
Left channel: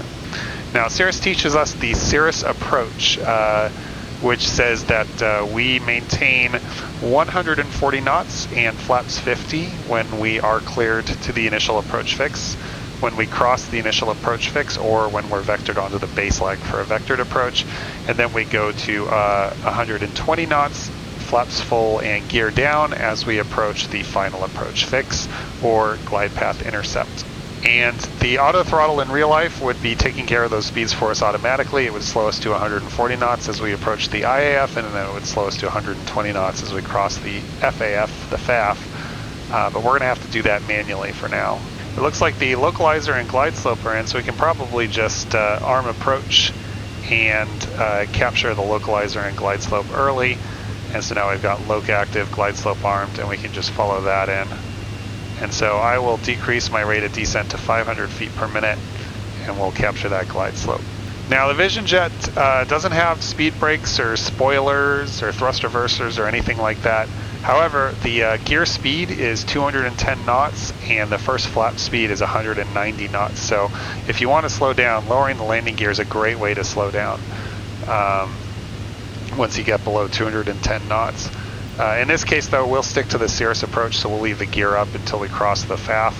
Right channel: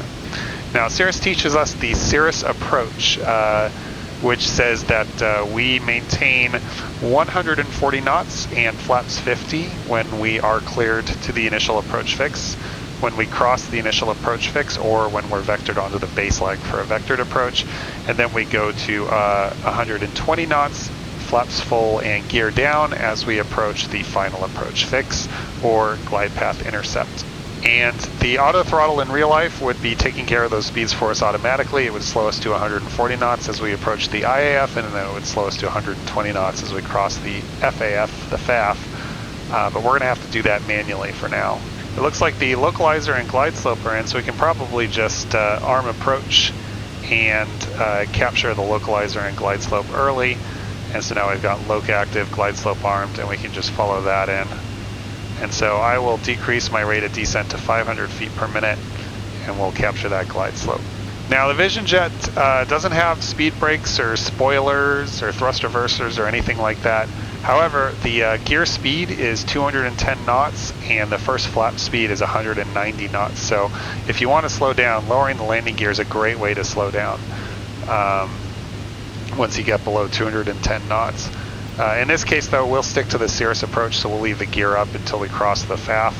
Now, Cirrus teaches us the Cirrus approach, which says that we maintain 140 knots and flaps 50 when we are cleared to the initial approach fix, when we cross the initial approach fix, or when we're vectored onto the base leg for a vectored approach. And then we go to 120 knots, flaps full and gear down as we approach the final approach fix or glide path intercept. And the auto throttle in real life would be taking care of those speeds for us automatically. It would slow us to 140 knots as we approach the IAF, and then it would slow us to 120 knots as we cross the FAF, the FAF. But we're going to have to do that manually for now. It looks like the localizer and glide slope are in, so we can probably just arm approach and capture the localizer and glide slope early. And so now we've got loc active, glide slope armed, and we can just follow that in. And so I will decrease my rate of descent to 500 feet per minute, and we'll capture that glide slope. Now the VisionJet doesn't have speed brakes or spoilers or thrust reversers or anything like that. However, the gear speed is 210 knots and the first flap speed is 190 knots. So if you want to slow down, lowering the landing gear is a great way to slow down once you get below 210 knots. In this case, though, we'll stick to the Cirrus approach, so we'll leave the gear up until we cross the FAF,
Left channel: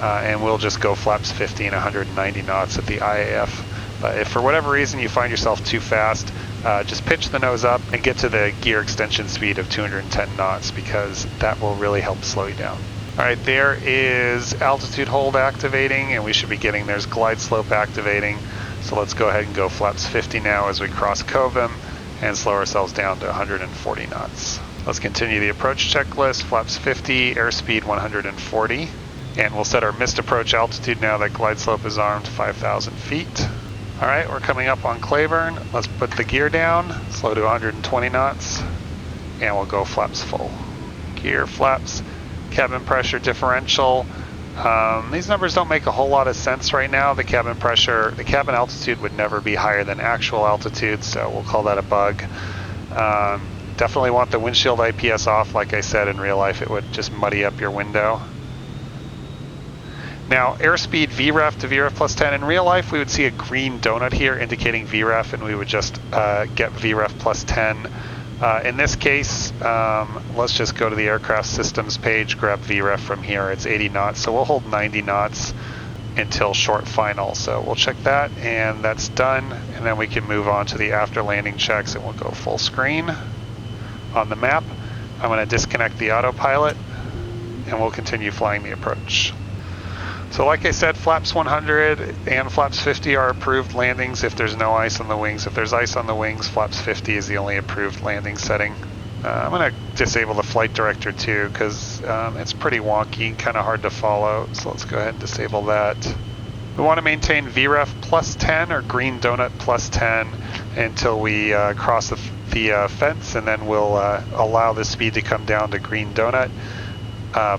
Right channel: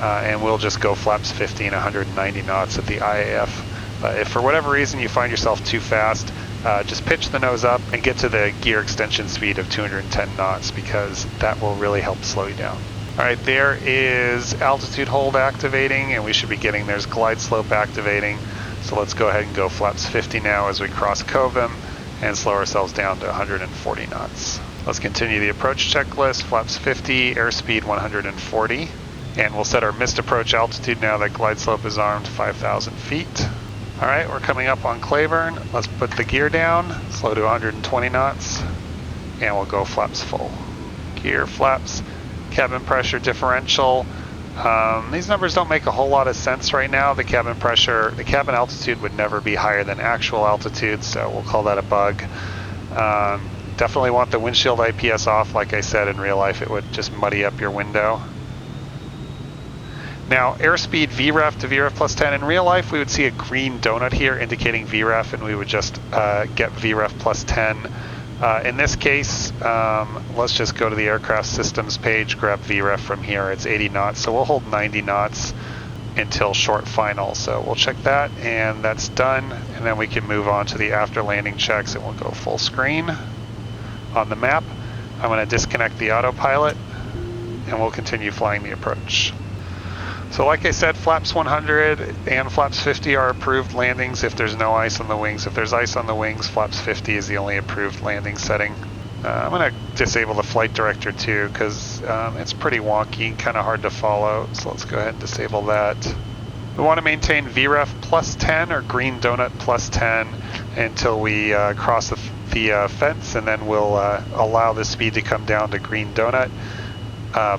and we'll just go flaps 50 and 190 knots at the IAF. If for whatever reason you find yourself too fast, just pitch the nose up and get to the gear extension speed of 210 knots, because that will really help slow you down. All right, there is altitude hold activating, and we should be getting there's glide slope activating. So let's go ahead and go flaps 50 now as we cross KMEM and slow ourselves down to 140 knots. Let's continue the approach checklist, flaps 50, airspeed 140, and we'll set our missed approach altitude now that glide slope is armed, 5,000 feet. All right, we're coming up on Claiborne. Let's put the gear down, slow to 120 knots, and we'll go flaps full. Gear, flaps, cabin pressure differential. These numbers don't make a whole lot of sense right now. The cabin pressure, the cabin altitude would never be higher than actual altitude, so we'll call that a bug. Definitely want the windshield IPS off. Like I said, in real life, it would just muddy up your window. Now, airspeed VREF to VREF plus 10. In real life, we would see a green donut here indicating VREF, and we would just get VREF plus 10. In this case, let's just go to the aircraft systems page, grab VREF from here. It's 80 knots, so we'll hold 90 knots until short final. So we'll check that, and that's done. And then we can move on to the after landing checks, and we'll go full screen on the map. I'm going to disconnect the autopilot, and we'll continue flying the approach. So like I said, flaps 100 and flaps 50 are approved landings if there's no ice on the wings. If there's ice on the wings, flaps 50 is the only approved landing setting. I'm going to disable the flight director too, because it's pretty wonky, kind of hard to follow. So let's go ahead and disable that. We want to maintain VREF plus 10 or green donut plus 10 until we cross the fence, and then we'll allow the speed to come down to green donut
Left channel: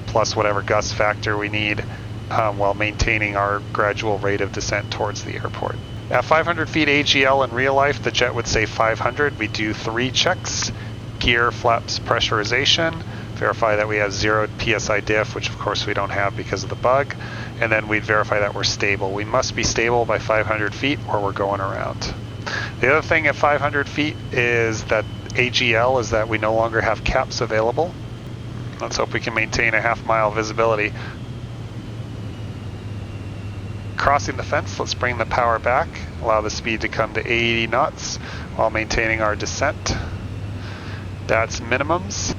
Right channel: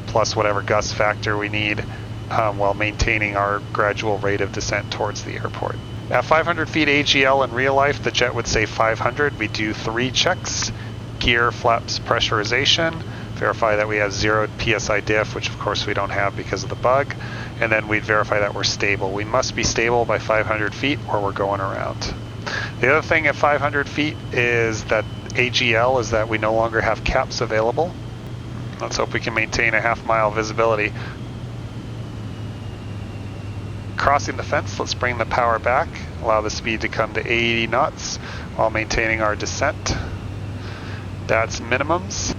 plus whatever gust factor we need, while maintaining our gradual rate of descent towards the airport. At 500 feet AGL in real life, the jet would say 500. We do 3 checks: gear, flaps, pressurization, verify that we have 0 PSI diff, which of course we don't have because of the bug, and then we'd verify that we're stable. We must be stable by 500 feet or we're going around. The other thing at 500 feet is that AGL is that we no longer have caps available. Let's hope we can maintain a half-mile visibility. Crossing the fence, let's bring the power back, allow the speed to come to 80 knots while maintaining our descent. That's minimums.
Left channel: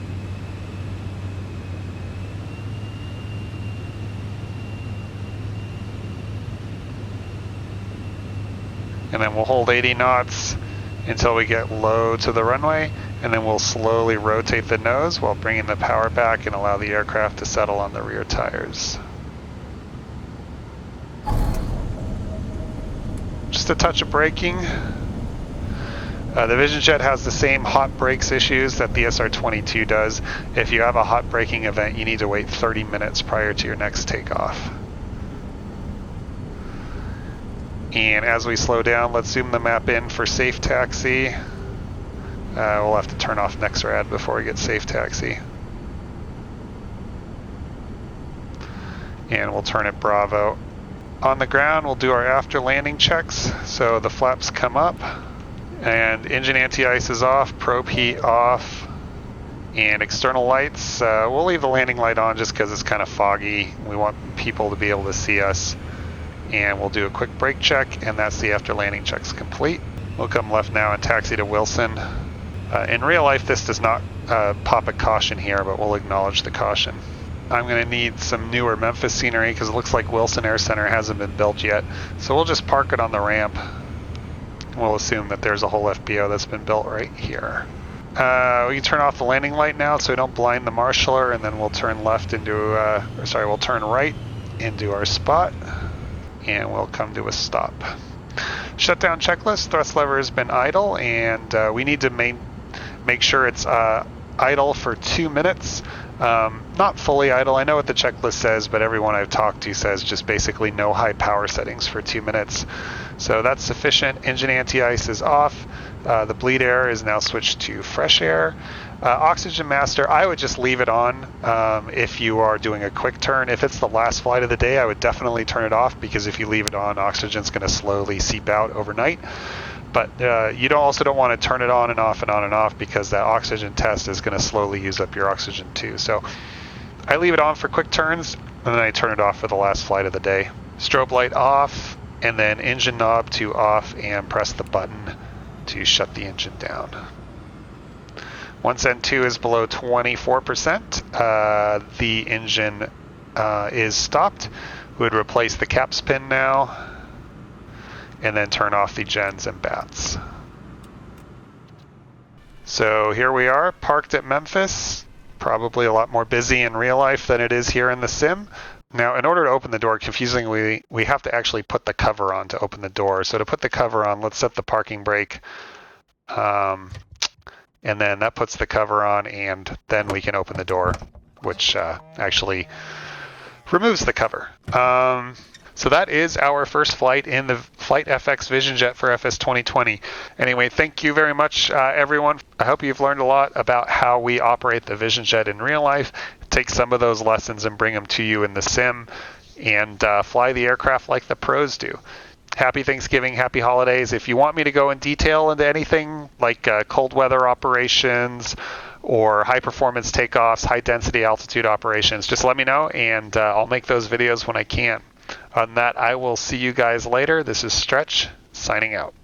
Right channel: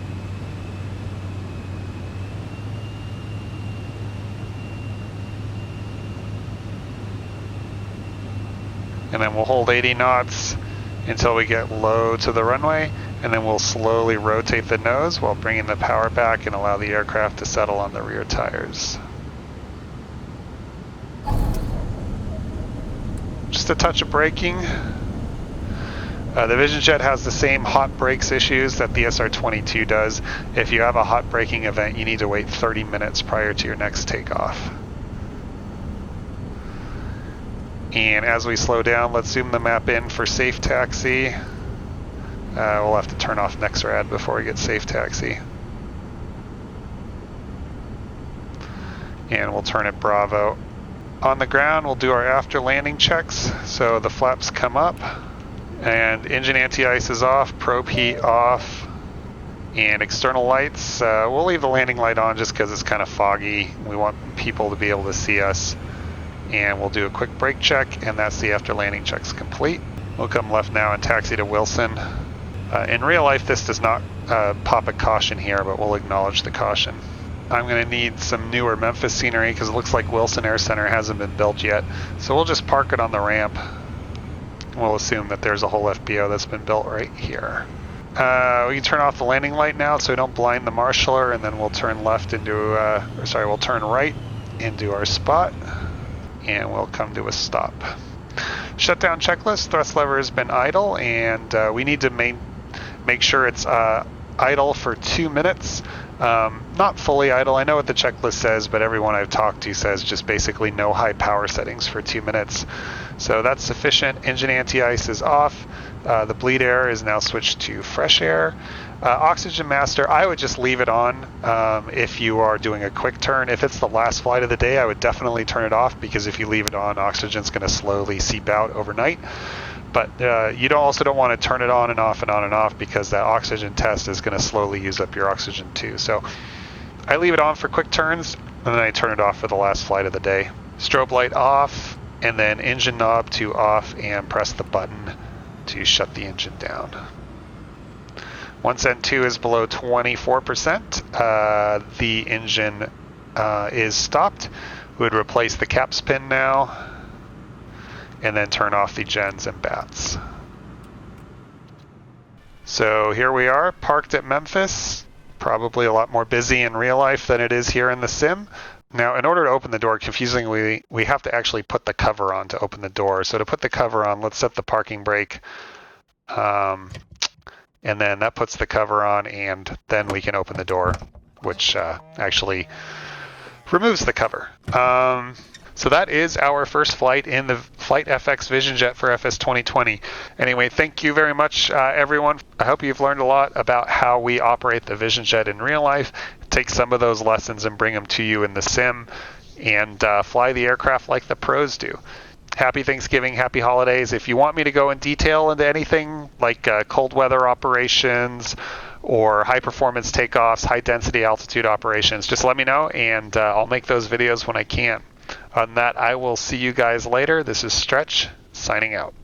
And then we'll hold 80 knots until we get low to the runway, and then we'll slowly rotate the nose while bringing the power back and allow the aircraft to settle on the rear tires. Just a touch of braking. The VisionJet has the same hot brakes issues that the SR22 does. If you have a hot braking event, you need to wait 30 minutes prior to your next takeoff. And as we slow down, let's zoom the map in for safe taxi. We'll have to turn off NextRad before we get safe taxi. And we'll turn it Bravo. On the ground, we'll do our after landing checks. So the flaps come up, and engine anti-ice is off, probe heat off, and external lights. We'll leave the landing light on just because it's kind of foggy. We want people to be able to see us. And we'll do a quick brake check, and that's the after landing checks complete. We'll come left now and taxi to Wilson. In real life, this does not pop a caution here, but we'll acknowledge the caution. I'm going to need some newer Memphis scenery because it looks like Wilson Air Center hasn't been built yet. So we'll just park it on the ramp. We'll assume that there's a whole FBO that's been built right here. We can turn off the landing light now so we don't blind the marshaller, and then we'll turn left into, we'll turn right into our spot, and we'll come to a stop. Shutdown checklist, thrust lever has been idle, and we need to make sure it's idle for 2 minutes. Not fully idle. I know what the checklist says, but everyone I've talked to says just basically no high power settings for 2 minutes. So that's sufficient. Engine anti-ice is off. The bleed air is now switched to fresh air. Oxygen master, I would just leave it on if you are doing a quick turn. If it's the last flight of the day, I would definitely turn it off, because if you leave it on, oxygen's going to slowly seep out overnight. But you also don't want to turn it on and off and on and off, because that oxygen test is going to slowly use up your oxygen too. So I leave it on for quick turns, and then I turn it off for the last flight of the day. Strobe light off, and then engine knob to off, and press the button to shut the engine down. Once N2 is below 24%, the engine is stopped. We would replace the caps pin now, and then turn off the gens and bats. So here we are, parked at Memphis. Probably a lot more busy in real life than it is here in the sim. Now, in order to open the door, confusingly, we have to actually put the cover on to open the door. So to put the cover on, let's set the parking brake. And then that puts the cover on, and then we can open the door, which actually removes the cover. So that is our first flight in the FlightFX Vision Jet for FS 2020. Anyway, thank you very much, everyone. I hope you've learned a lot about how we operate the Vision Jet in real life. Take some of those lessons and bring them to you in the sim, and fly the aircraft like the pros do. Happy Thanksgiving, happy holidays. If you want me to go in detail into anything like cold weather operations or high performance takeoffs, high density altitude operations, just let me know, and I'll make those videos when I can. On that, I will see you guys later. This is Stretch, signing out.